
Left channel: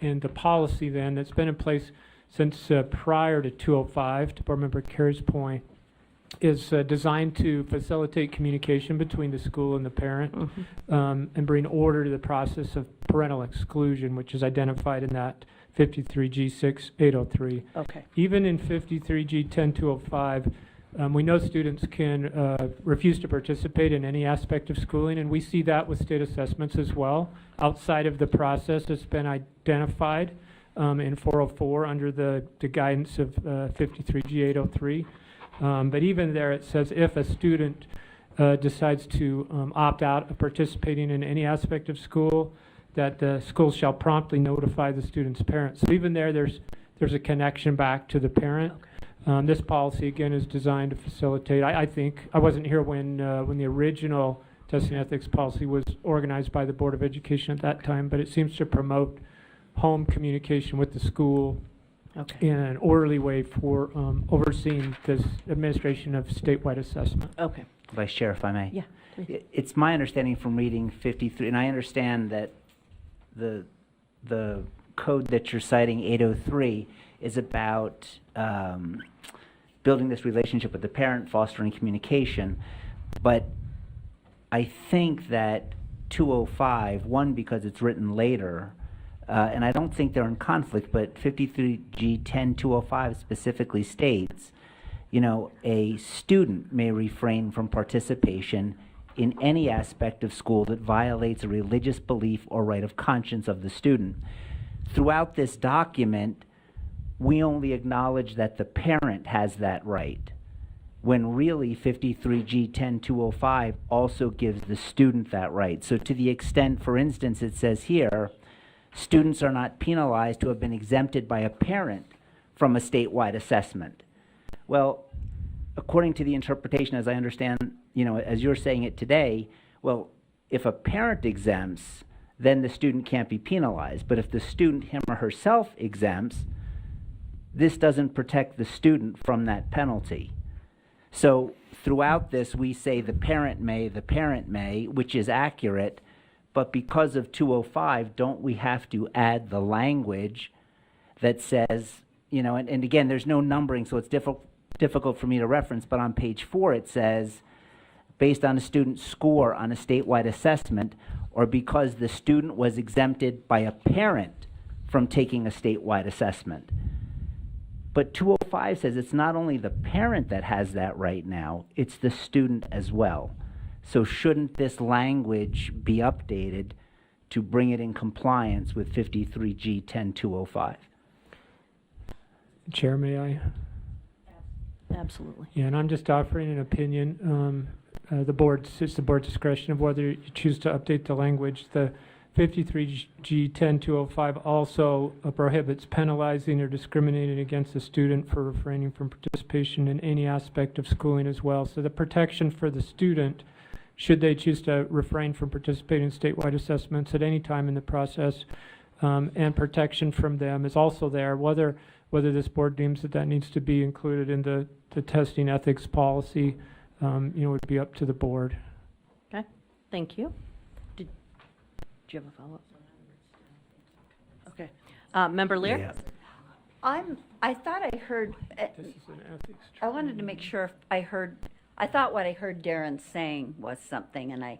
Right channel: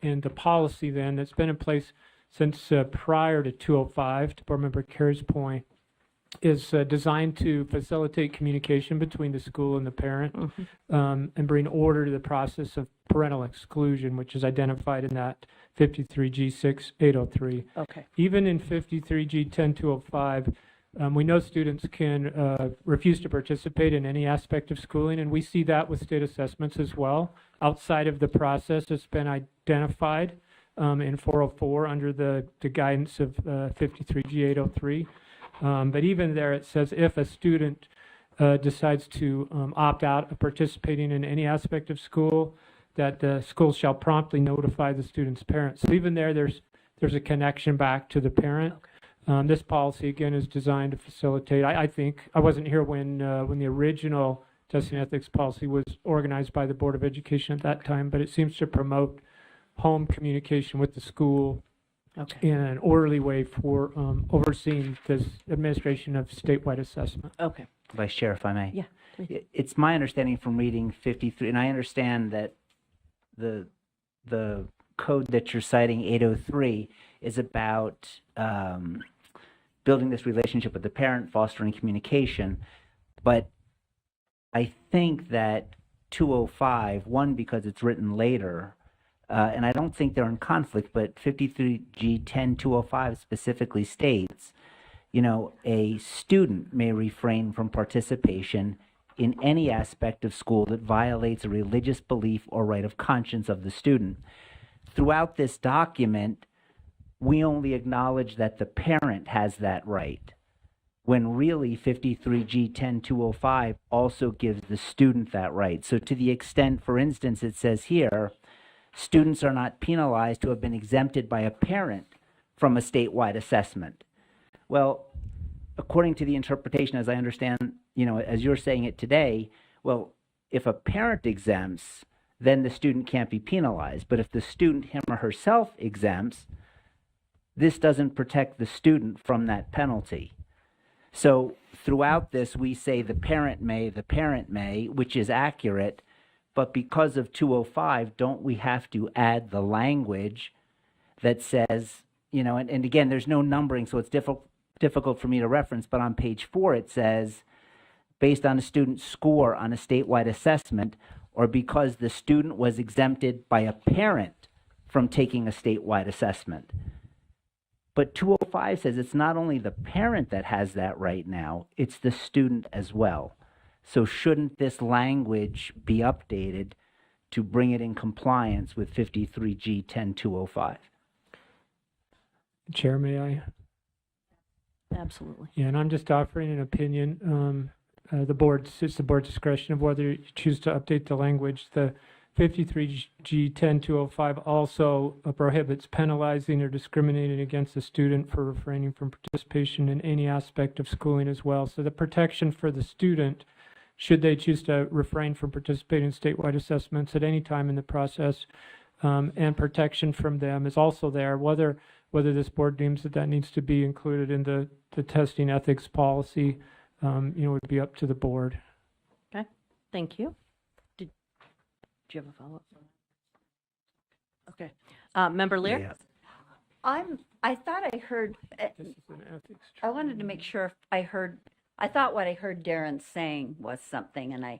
And the policy then that's been in place since prior to 205, to Board Member Carey's point, is designed to facilitate communication between the school and the parent, and bring order to the process of parental exclusion, which is identified in that 53G 6-803. Okay. Even in 53G 10-205, we know students can refuse to participate in any aspect of schooling, and we see that with state assessments as well. Outside of the process that's been identified in 404 under the guidance of 53G 803. But even there it says if a student decides to opt out of participating in any aspect of school, that the school shall promptly notify the student's parents. So even there's a connection back to the parent. This policy, again, is designed to facilitate. I think, I wasn't here when the original testing ethics policy was organized by the Board of Education at that time, but it seems to promote home communication with the school in an orderly way for overseeing this administration of statewide assessment. Okay. Vice Chair, if I may. Yeah. It's my understanding from reading 53, and I understand that the code that you're citing, 803, is about building this relationship with the parent, fostering communication. But I think that 205, one, because it's written later, and I don't think they're in conflict, but 53G 10-205 specifically states, a student may refrain from participation in any aspect of school that violates a religious belief or right of conscience of the student. Throughout this document, we only acknowledge that the parent has that right, when really 53G 10-205 also gives the student that right. So to the extent, for instance, it says here, students are not penalized who have been exempted by a parent from a statewide assessment. Well, according to the interpretation, as I understand, as you're saying it today, well, if a parent exempts, then the student can't be penalized. But if the student, him or herself, exempts, this doesn't protect the student from that penalty. So throughout this, we say the parent may, which is accurate, but because of 205, don't we have to add the language that says, and again, there's no numbering, so it's difficult for me to reference, but on page 4 it says, based on a student's score on a statewide assessment, or because the student was exempted by a parent from taking a statewide assessment. But 205 says it's not only the parent that has that right now, it's the student as well. So shouldn't this language be updated to bring it in compliance with 53G 10205? Chair, may I? Absolutely. Yeah, and I'm just offering an opinion. It's the board's discretion of whether you choose to update the language. The 53G 10205 also prohibits penalizing or discriminating against a student for refraining from participation in any aspect of schooling as well. So the protection for the student, should they choose to refrain from participating in statewide assessments at any time in the process, and protection from them is also there. Whether this board deems that needs to be included in the testing ethics policy, would be up to the board. Okay, thank you. Did you have a follow-up? Okay. Member Lear? Yeah. I thought I heard, I wanted to make sure if I thought what I heard Darren saying was something, and I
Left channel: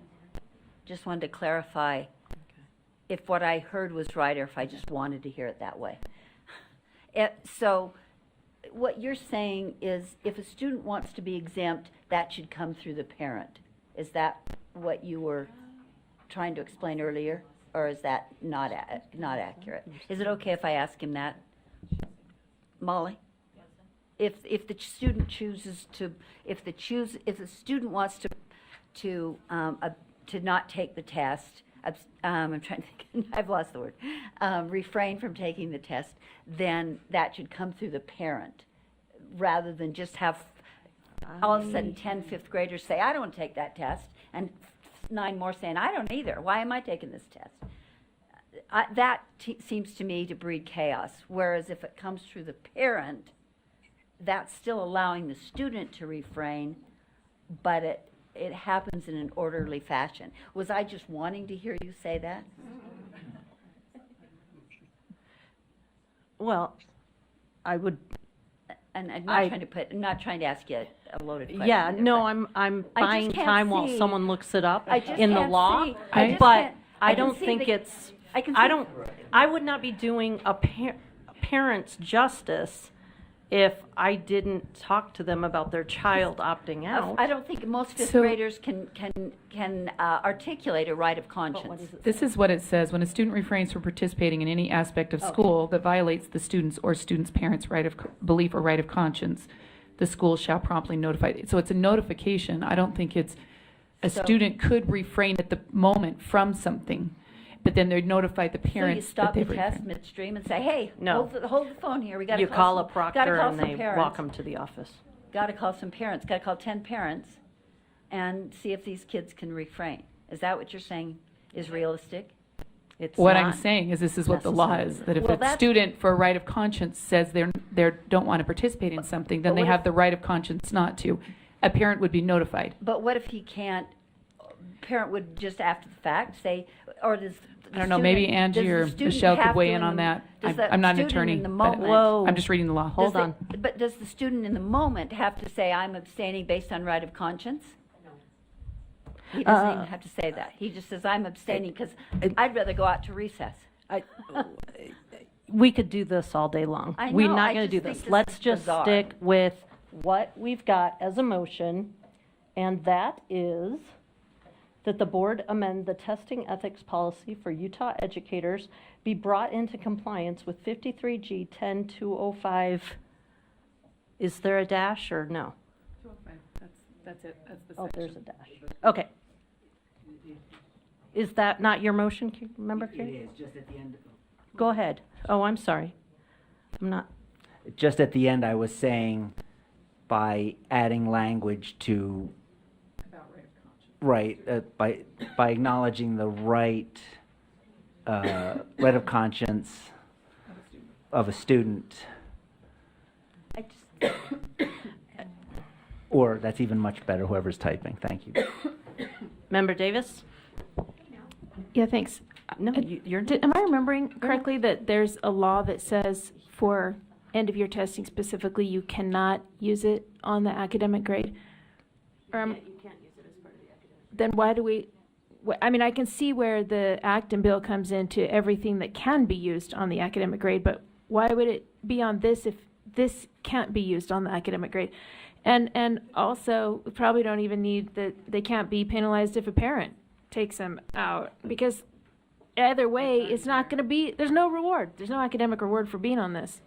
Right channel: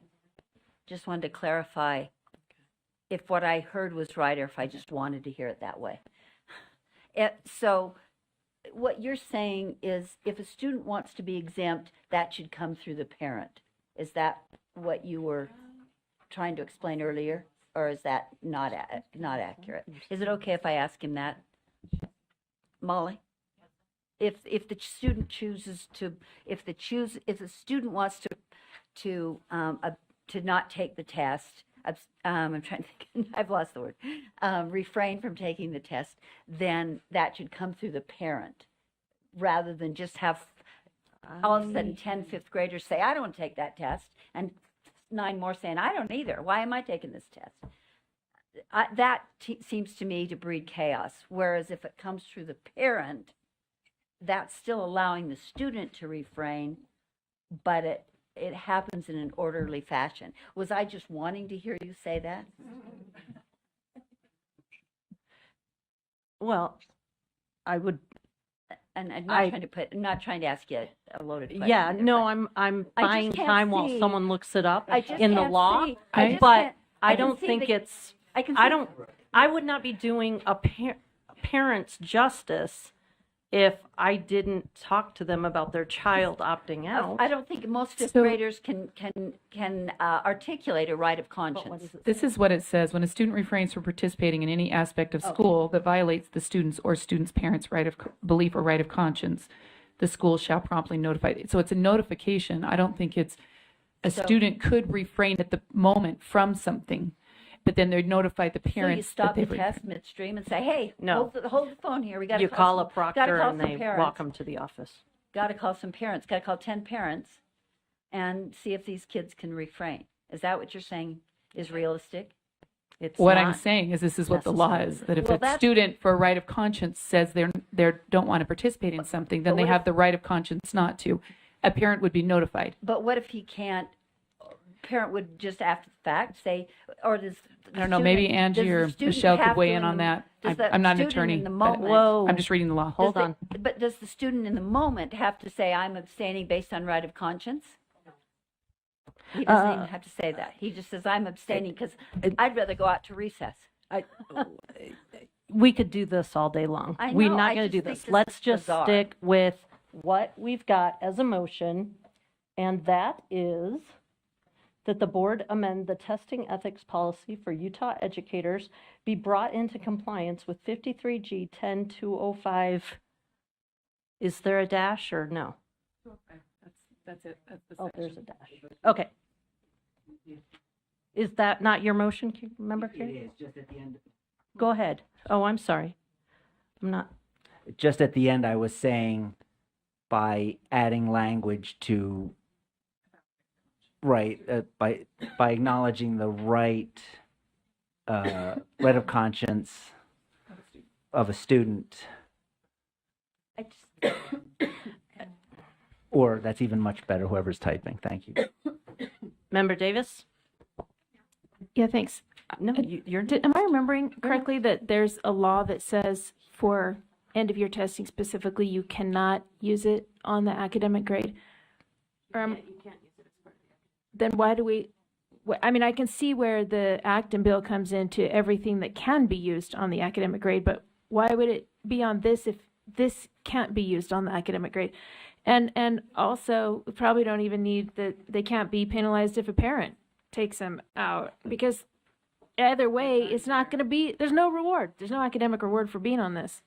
just wanted to clarify if what I heard was right or if I just wanted to hear it that way. So what you're saying is if a student wants to be exempt, that should come through the parent. Is that what you were trying to explain earlier, or is that not accurate? Is it okay if I ask him that? Molly? If the student chooses to, if the student wants to not take the test, I'm trying to think, I've lost the word, refrain from taking the test, then that should come through the parent, rather than just have all of a sudden 10 fifth graders say, I don't take that test, and 9 more saying, I don't either. Why am I taking this test? That seems to me to breed chaos, whereas if it comes through the parent, that's still allowing the student to refrain, but it happens in an orderly fashion. Was I just wanting to hear you say that? Well, I would. And I'm not trying to ask you a loaded question. Yeah, either, no, but I'm I just buying can't time while see- someone looks it up I just in the can't law, see- I just but can't- I can don't see think the- it's. I can I see- don't. I would not be doing a parent's justice if I didn't talk to them about their child opting out. I don't think most fifth So- graders can articulate a right of conscience. This is what it says: when a student refrains from participating in any aspect of school that violates the student's or student's parents' right of belief or right of conscience, the school shall promptly notify. So it's a notification. I don't think it's a student could refrain at the moment from something, but then they'd notify the So you parents stop that the they test refrained. midstream and say, hey, No. hold the phone here. We got to You call a gotta proctor call and some they parents. walk them to the office. Got to call some parents. Got to call 10 parents and see if these kids can refrain. Is that what you're saying is realistic? It's What not I'm saying is this is what the law is, that if Well, a that's- student for right of conscience says they don't want to participate in something, then But they what have if- the right of conscience not to. A parent would be notified. But what if he can't? Parent would just after the fact say, or does the I don't know, student- maybe does Angie the or student Michelle could have weigh to in on that. does the I'm not an student attorney, in the but moment- I'm just reading the law. Hold on. But does the student in the moment have to say, I'm abstaining based on right of conscience? He doesn't even have to say that. He just says, I'm abstaining because I'd rather go out to recess. We could do this all day long. I We're know, not I going to just do think this. this Let's is just bizarre. stick with what we've got as a motion, and that is that the board amend the testing ethics policy for Utah educators be brought into compliance with 53G 10205. Is there a dash or no? That's it. That's the Oh, there's a dash. Okay. Is that not your motion, Member Kay? It is, just at the end. Go ahead. Oh, I'm sorry. I'm not. Just at the end, I was saying by adding language to right by acknowledging the right of conscience of a student, I just, or that's even much better. Whoever's typing, thank you. Member Davis? Yeah, thanks. No, you're. Am I remembering correctly that there's a law that says for end of year testing specifically, you cannot use it on the academic grade? Then why do we, I mean, I can see where the Acton bill comes into everything that can be used on the academic grade, but why would it be on this if this can't be used on the academic grade. And also, we probably don't even need that, they can't be penalized if a parent takes them out, because either way, it's not gonna be, there's no reward. There's no academic reward for being on this.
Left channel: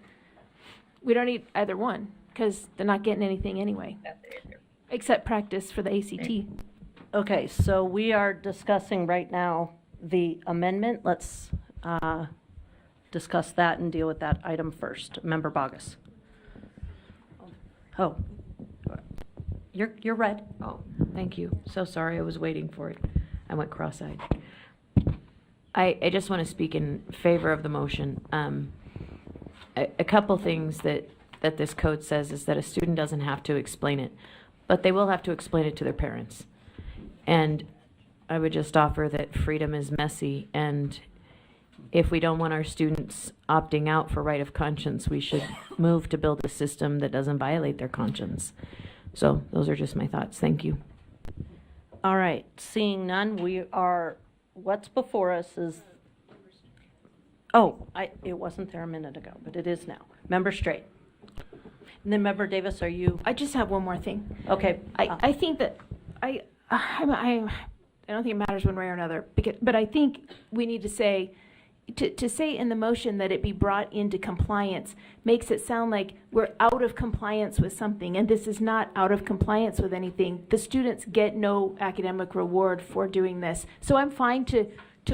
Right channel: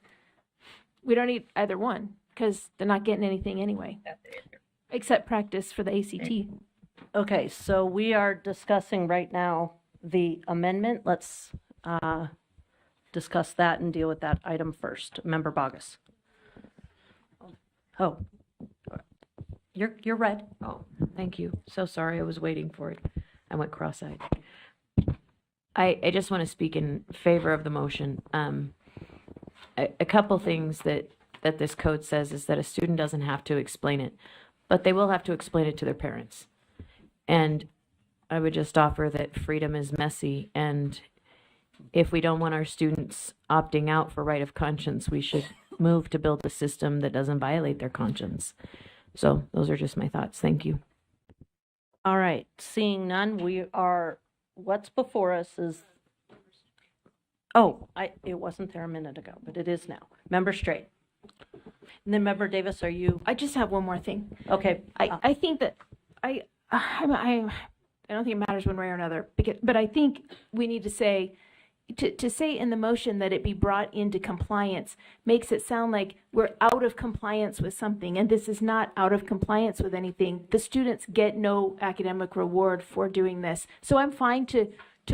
We don't need either one, because they're not getting anything anyway, except practice for the ACT. Okay, so we are discussing right now the amendment. Let's discuss that and deal with that item first. Member Bogus. Oh, you're red. Oh, thank you. So sorry, I was waiting for it. I went cross-eyed. I just want to speak in favor of the motion. A couple things that this code says is that a student doesn't have to explain it, but they will have to explain it to their parents. And I would just offer that freedom is messy, and if we don't want our students opting out for right of conscience, we should move to build a system that doesn't violate their conscience. So those are just my thoughts. Thank you. All right, seeing none, what's before us is, it wasn't there a minute ago, but it is now. Member Straight. And then Member Davis, are you? I just have one more thing. Okay. I think that I don't think it matters one way or another, but I think we need to say, to say in the motion that it be brought into compliance makes it sound like we're out of compliance with something, and this is not out of compliance with anything. The students get no academic reward for doing this. So I'm fine to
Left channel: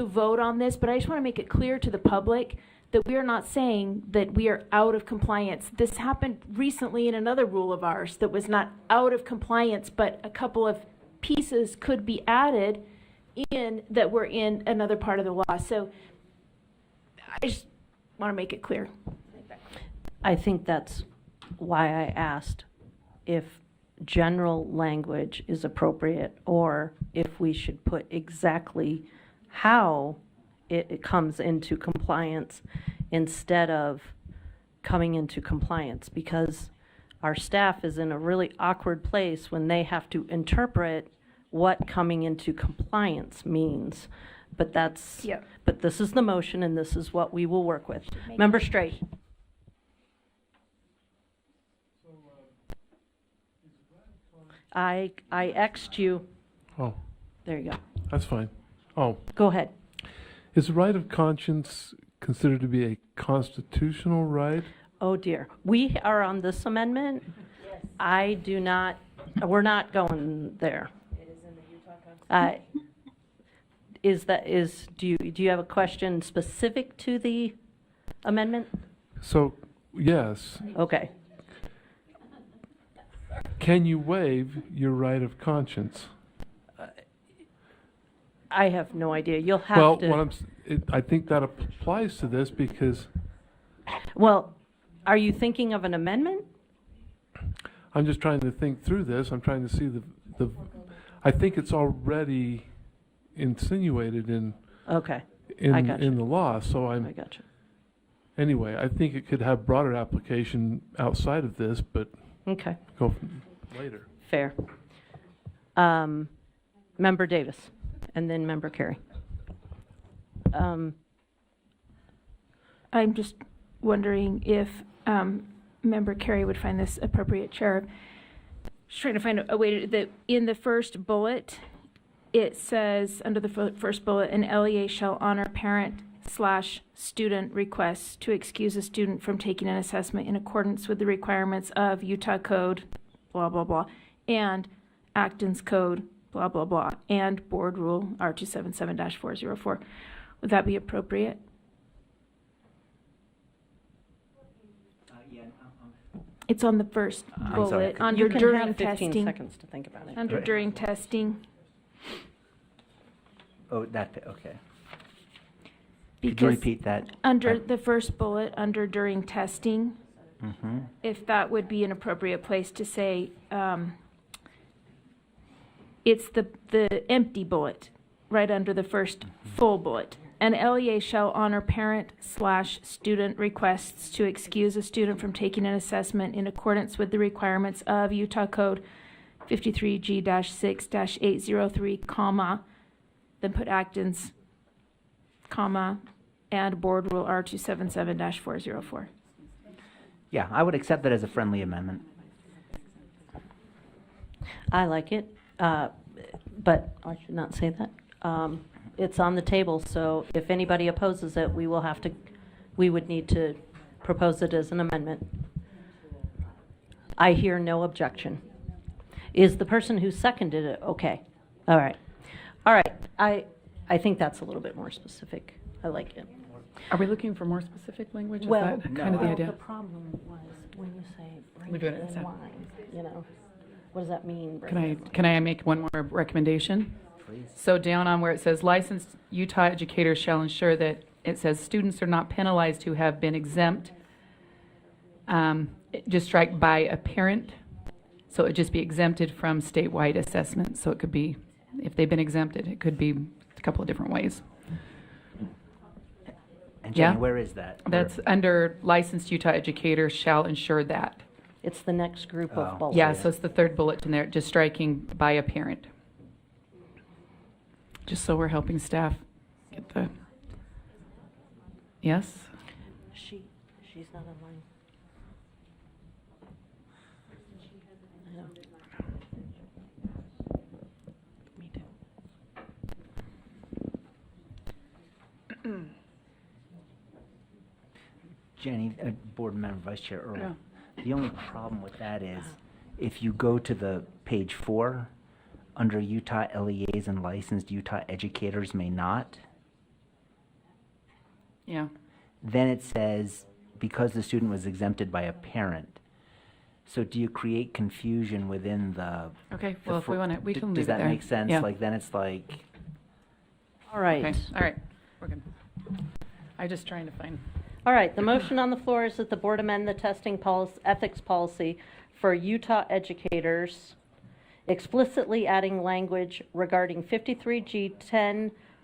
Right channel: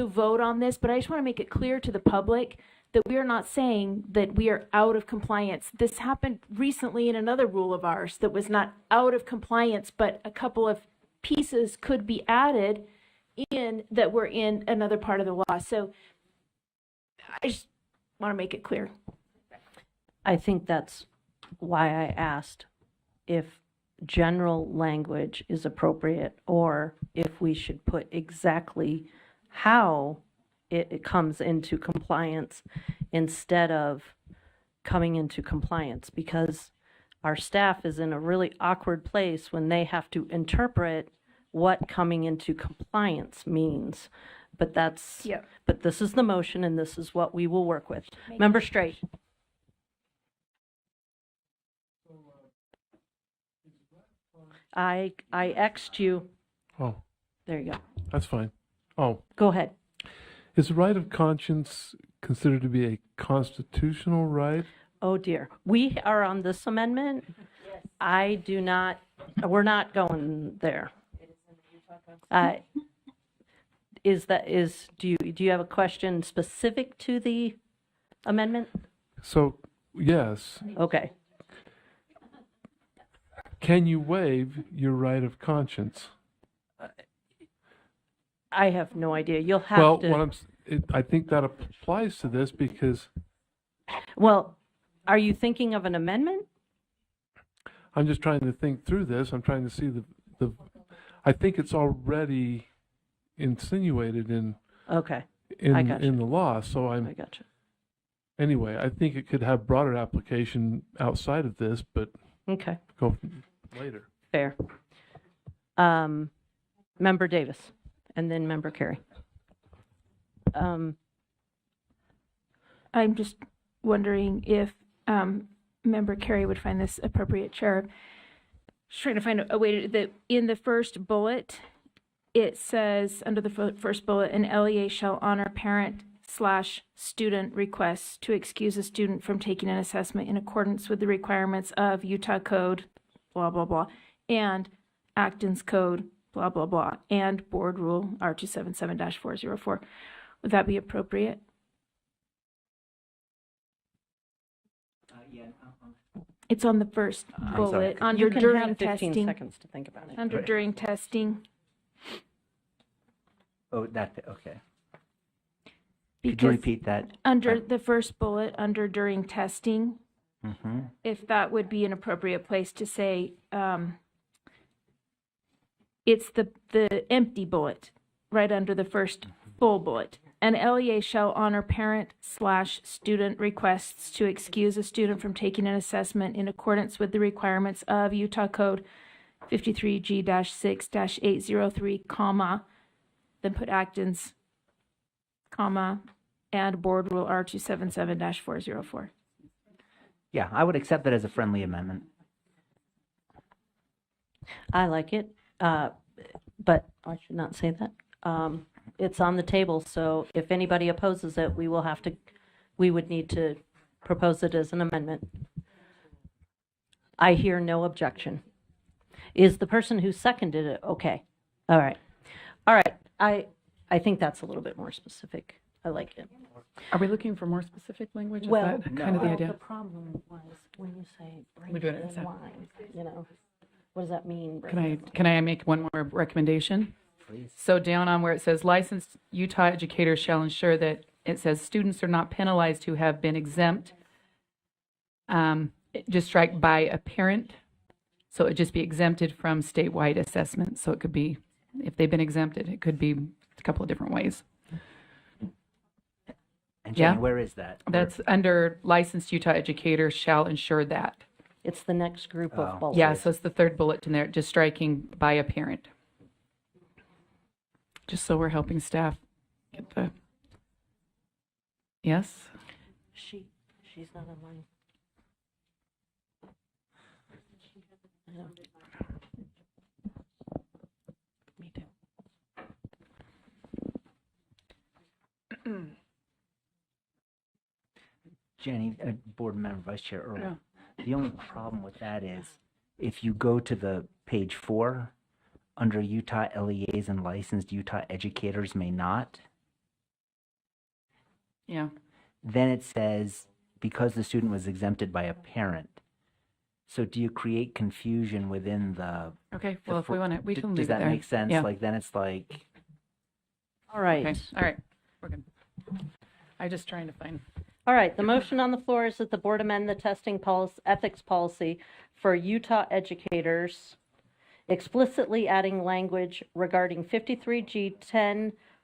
vote on this, but I just want to make it clear to the public that we are not saying that we are out of compliance. This happened recently in another rule of ours that was not out of compliance, but a couple of pieces could be added in that were in another part of the law. So I just want to make it clear. I think that's why I asked if general language is appropriate, or if we should put exactly how it comes into compliance instead of coming into compliance, because our staff is in a really awkward place when they have to interpret what coming into compliance means. But but this is the motion, and this is what we will work with. Member Straight. I X'd you. Oh, There you go. that's fine. Oh, Go ahead. is right of conscience considered to be a constitutional right? Oh dear. We are on this amendment. I do not, we're not going there. Do you have a question specific to the amendment? So, yes, Okay. can you waive your right of conscience? I have no idea. You'll have Well, to. I think that applies to this because Well, are you thinking of an amendment? I'm just trying to think through this. I'm trying to see I think it's already insinuated Okay. I gotcha. in the law. So I gotcha. anyway, I think it could have broader application outside of this, but Okay. go later. Fair. Member Davis, and then Member Carey. I'm just wondering if Member Carey would find this appropriate, Chair. Just trying to find a way that in the first bullet, it says under the first bullet, an LEA shall honor parent/student requests to excuse a student from taking an assessment in accordance with the requirements of Utah Code, blah, blah, blah, and Acton's Code, blah, blah, blah, and Board Rule R277-404. Would that be appropriate? It's on the first bullet, under You can during have 15 testing. seconds to think about it. Under during testing. Oh, okay. Could you Because repeat that? under the first bullet, under during testing, Mm-hmm. if that would be an appropriate place to say, it's the empty bullet, right under the first full bullet. An LEA shall honor parent/student requests to excuse a student from taking an assessment in accordance with the requirements of Utah Code 53G-6-803, comma, then put Acton's, comma, and Board Rule R277-404. Yeah, I would accept that as a friendly amendment. I like it, but I should not say that. It's on the table, so if anybody opposes it, we would need to propose it as an amendment. I hear no objection. Is the person who seconded it okay? All right. All right. I think that's a little bit more specific. I like it. Are we looking for more specific language? Is Well, that kind of the idea? the problem was when you say break We're doing it it, so- in line, you know, what does that mean? break Can it? can I make one more recommendation? So down on where it says licensed Utah educators shall ensure that, it says students are not penalized who have been exempt. Just strike by a parent. So it would just be exempted from statewide assessment. So it could be, if they've been exempted, it could be a couple of different ways. And Jenny, Yeah. where is that? That's under licensed Utah educators shall ensure that. It's the next group Oh. of bullets. Yeah, so it's the third bullet in there, just striking by a parent. Just so we're helping staff get the, yes? She's not online. I know. Me too. Jenny, Board Member Vice Chair Earl. The only problem with that is if you go to the page 4, under Utah LEAs and licensed Utah educators may not, Yeah, then it says because the student was exempted by a parent. So do you create confusion within the? okay, well, if we want to, we can leave it Does there. that make sense? Yeah. Like then it's like, All right. Okay, all right, we're good. I'm just trying to find, All right, the motion on the floor is that the board amend the testing ethics policy for Utah educators, explicitly adding language regarding 53G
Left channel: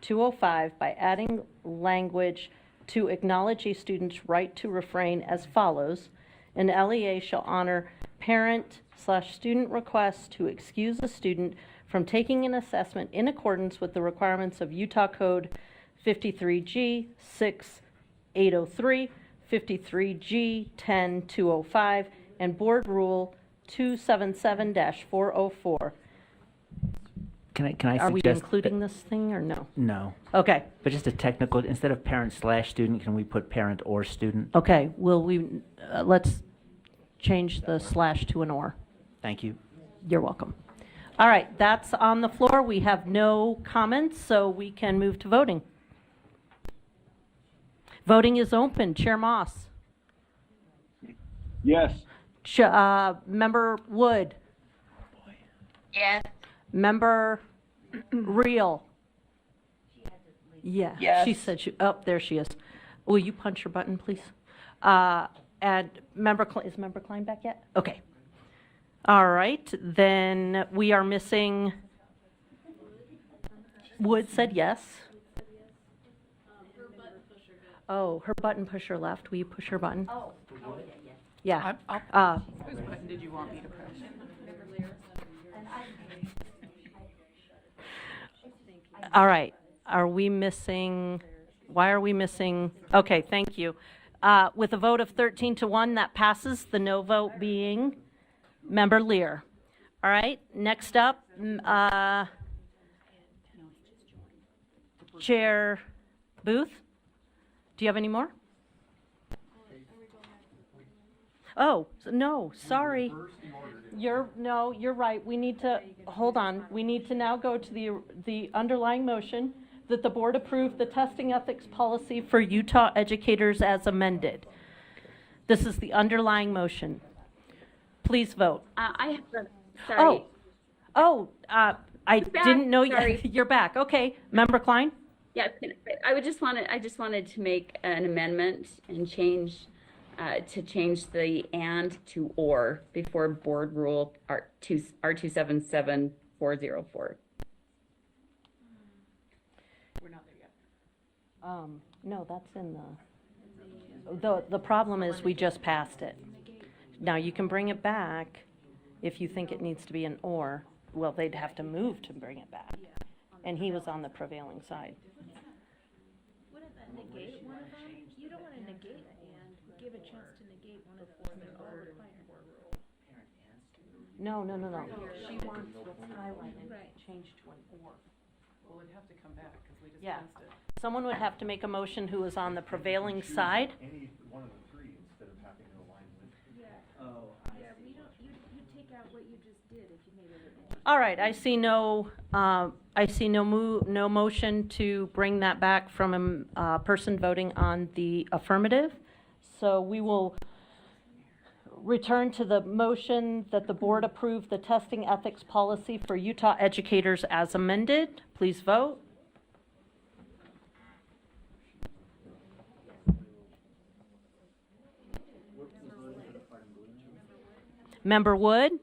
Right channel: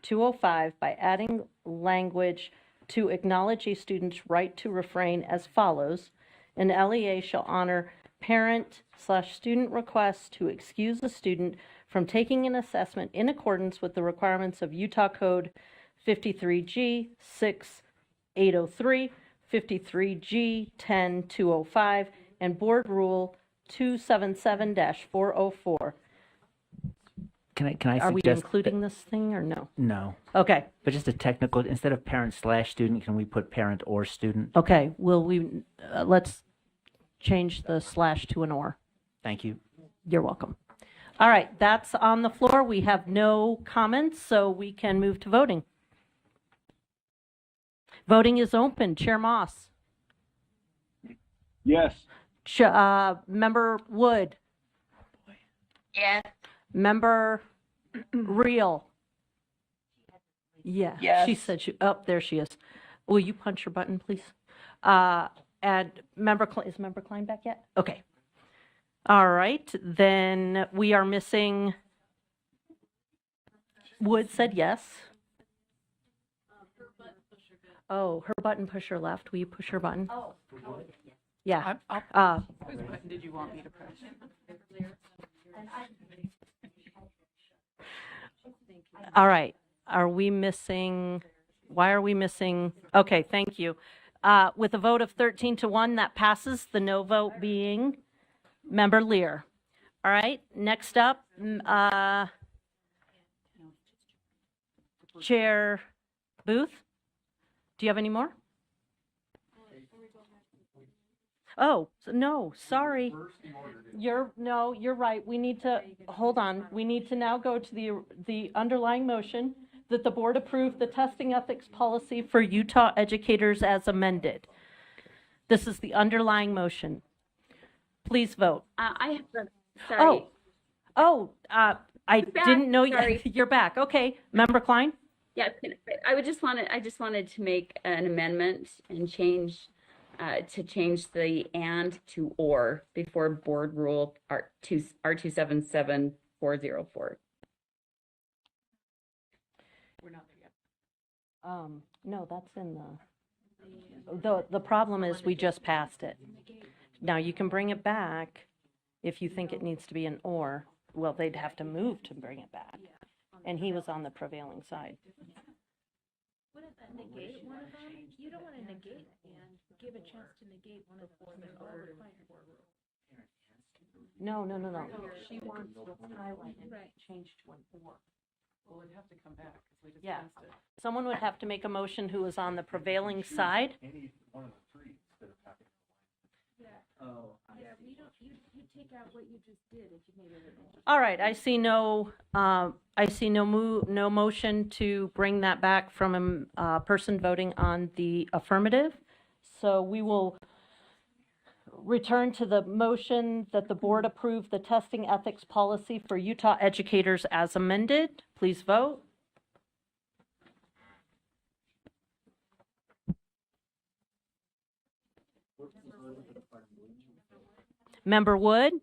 10-205 by adding language to acknowledge a student's right to refrain as follows. An LEA shall honor parent/student requests to excuse a student from taking an assessment in accordance with the requirements of Utah Code 53G 6803, 53G 10-205, and Board Rule 277-404. can I Are we suggest? including this thing or no? No, Okay, but just a technical, instead of parent/student, can we put parent or student? okay, let's change the slash to an or. Thank you. You're welcome. All right, that's on the floor. We have no comments, so we can move to voting. Voting is open. Chair Moss. Yes. Member Wood. Yes. Member Reel. Yeah, Yes. she said there she is. Will you punch your button, please? And is Member Klein back yet? Okay. All right, then we are missing, Wood said yes. Oh, her button pusher left. Will you push her button? Yeah. whose button did you want me to press? All right, why are we missing? Okay, thank you. With a vote of 13-1, that passes, the no vote being Member Lear. All right, next up, Chair Booth. Do you have any more? Oh, no, sorry. You're right. We need to, hold on. We need to now go to the underlying motion that the board approve the testing ethics policy for Utah educators as amended. This is the underlying motion. Please vote. I have sorry. I Back, didn't know sorry. you're back. Okay, Member Klein? Yeah, I just wanted to make an amendment and change the and to or before board rule R277404. We're not there yet. No, that's in the problem is we just passed it. Now you can bring it back if you think it needs to be an or. Well, they'd have to move to bring it back. And he was on the prevailing side. You don't want to negate and give a chance to negate one of the board requirements. No. She wants what's highlighted changed to an or. Well, it'd have to come back because we Yeah. discussed it. Someone would have to make a motion who is on the prevailing side. Any one of the three instead of having to align with. Yeah, you take out what you just did if you made it. All right, I see no motion to bring that back from a person voting on the affirmative. So we will return to the motion that the board approve the testing ethics policy for Utah educators as amended. Please vote. Member Wood?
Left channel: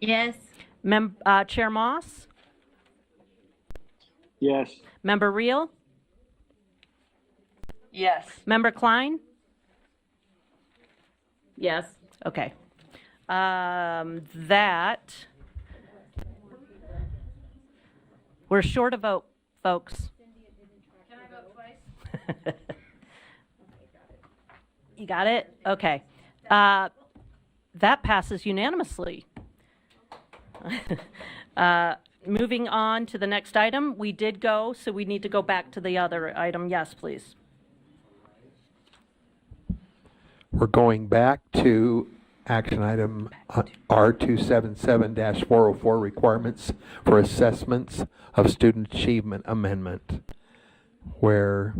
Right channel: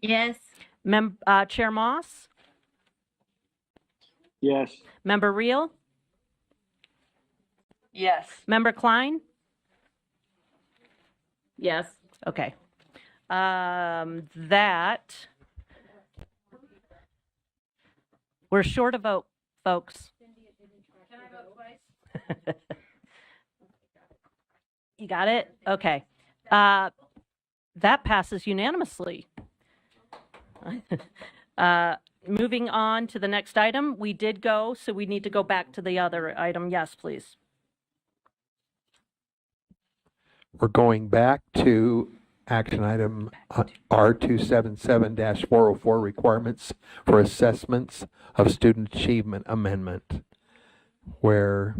Yes. Chair Moss? Yes. Member Reel? Yes. Member Klein? Yes. Okay. We're short a vote, folks. You got it? Okay. That passes unanimously. Moving on to the next item, we did go, so we need to go back to the other item. Yes, please. We're going back to action item R277-404, requirements for assessments of student achievement amendment, where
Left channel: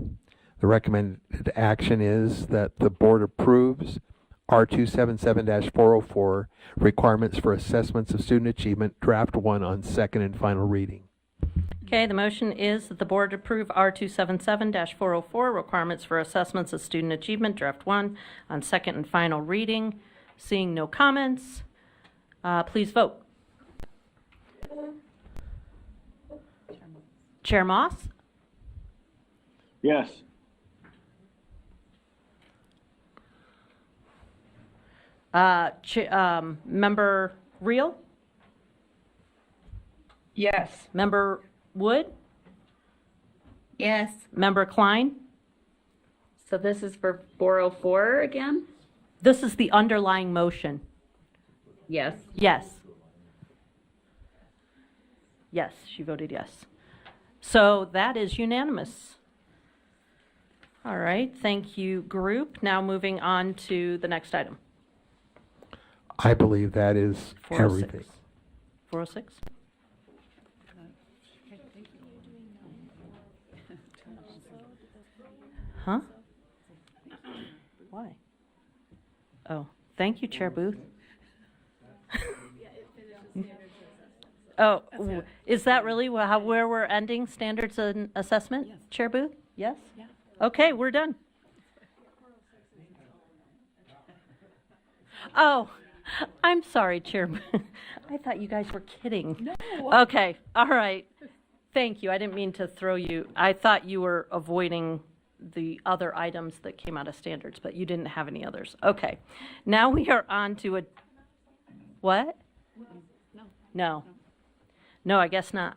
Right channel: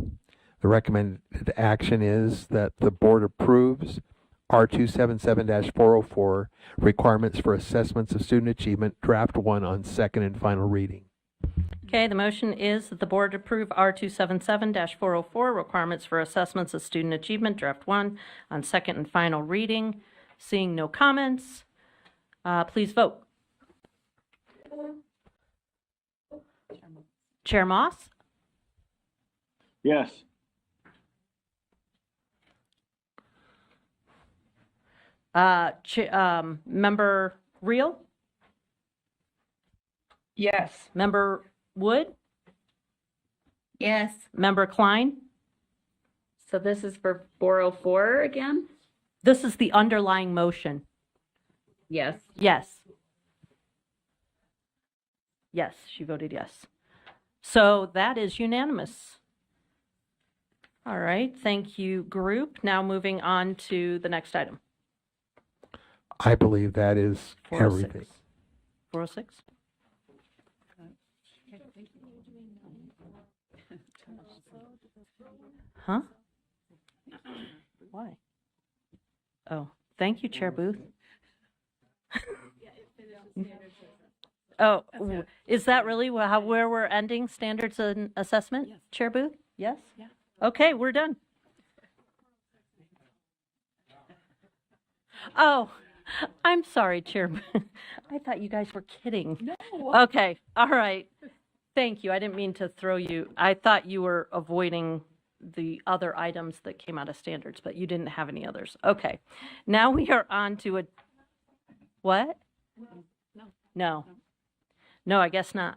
the recommended action is that the board approves R277-404, requirements for assessments of student achievement, draft 1 on second and final reading. Okay, the motion is that the board approve R277-404, requirements for assessments of student achievement, draft 1 on second and final reading. Seeing no comments, please vote. Chair Moss? Yes. Member Reel? Yes. Member Wood? Yes. Member Klein? So this is for 404 again? This is the underlying motion. Yes. Yes. Yes, she voted yes. So that is unanimous. All right, thank you, group. Now moving on to the next item. I believe that is 406. everything. 406? Huh? Why? Oh, thank you, Chair Booth. Oh, is that really where we're ending standards and assessment, Chair Booth? Yes? Okay, we're done. Oh, I'm sorry, Chair Booth. I thought you guys were kidding. No. Okay, all right. Thank you. I didn't mean to throw you. I thought you were avoiding the other items that came out of standards, but you didn't have any others. Okay. Now we are on to a, what? No. No, I guess not.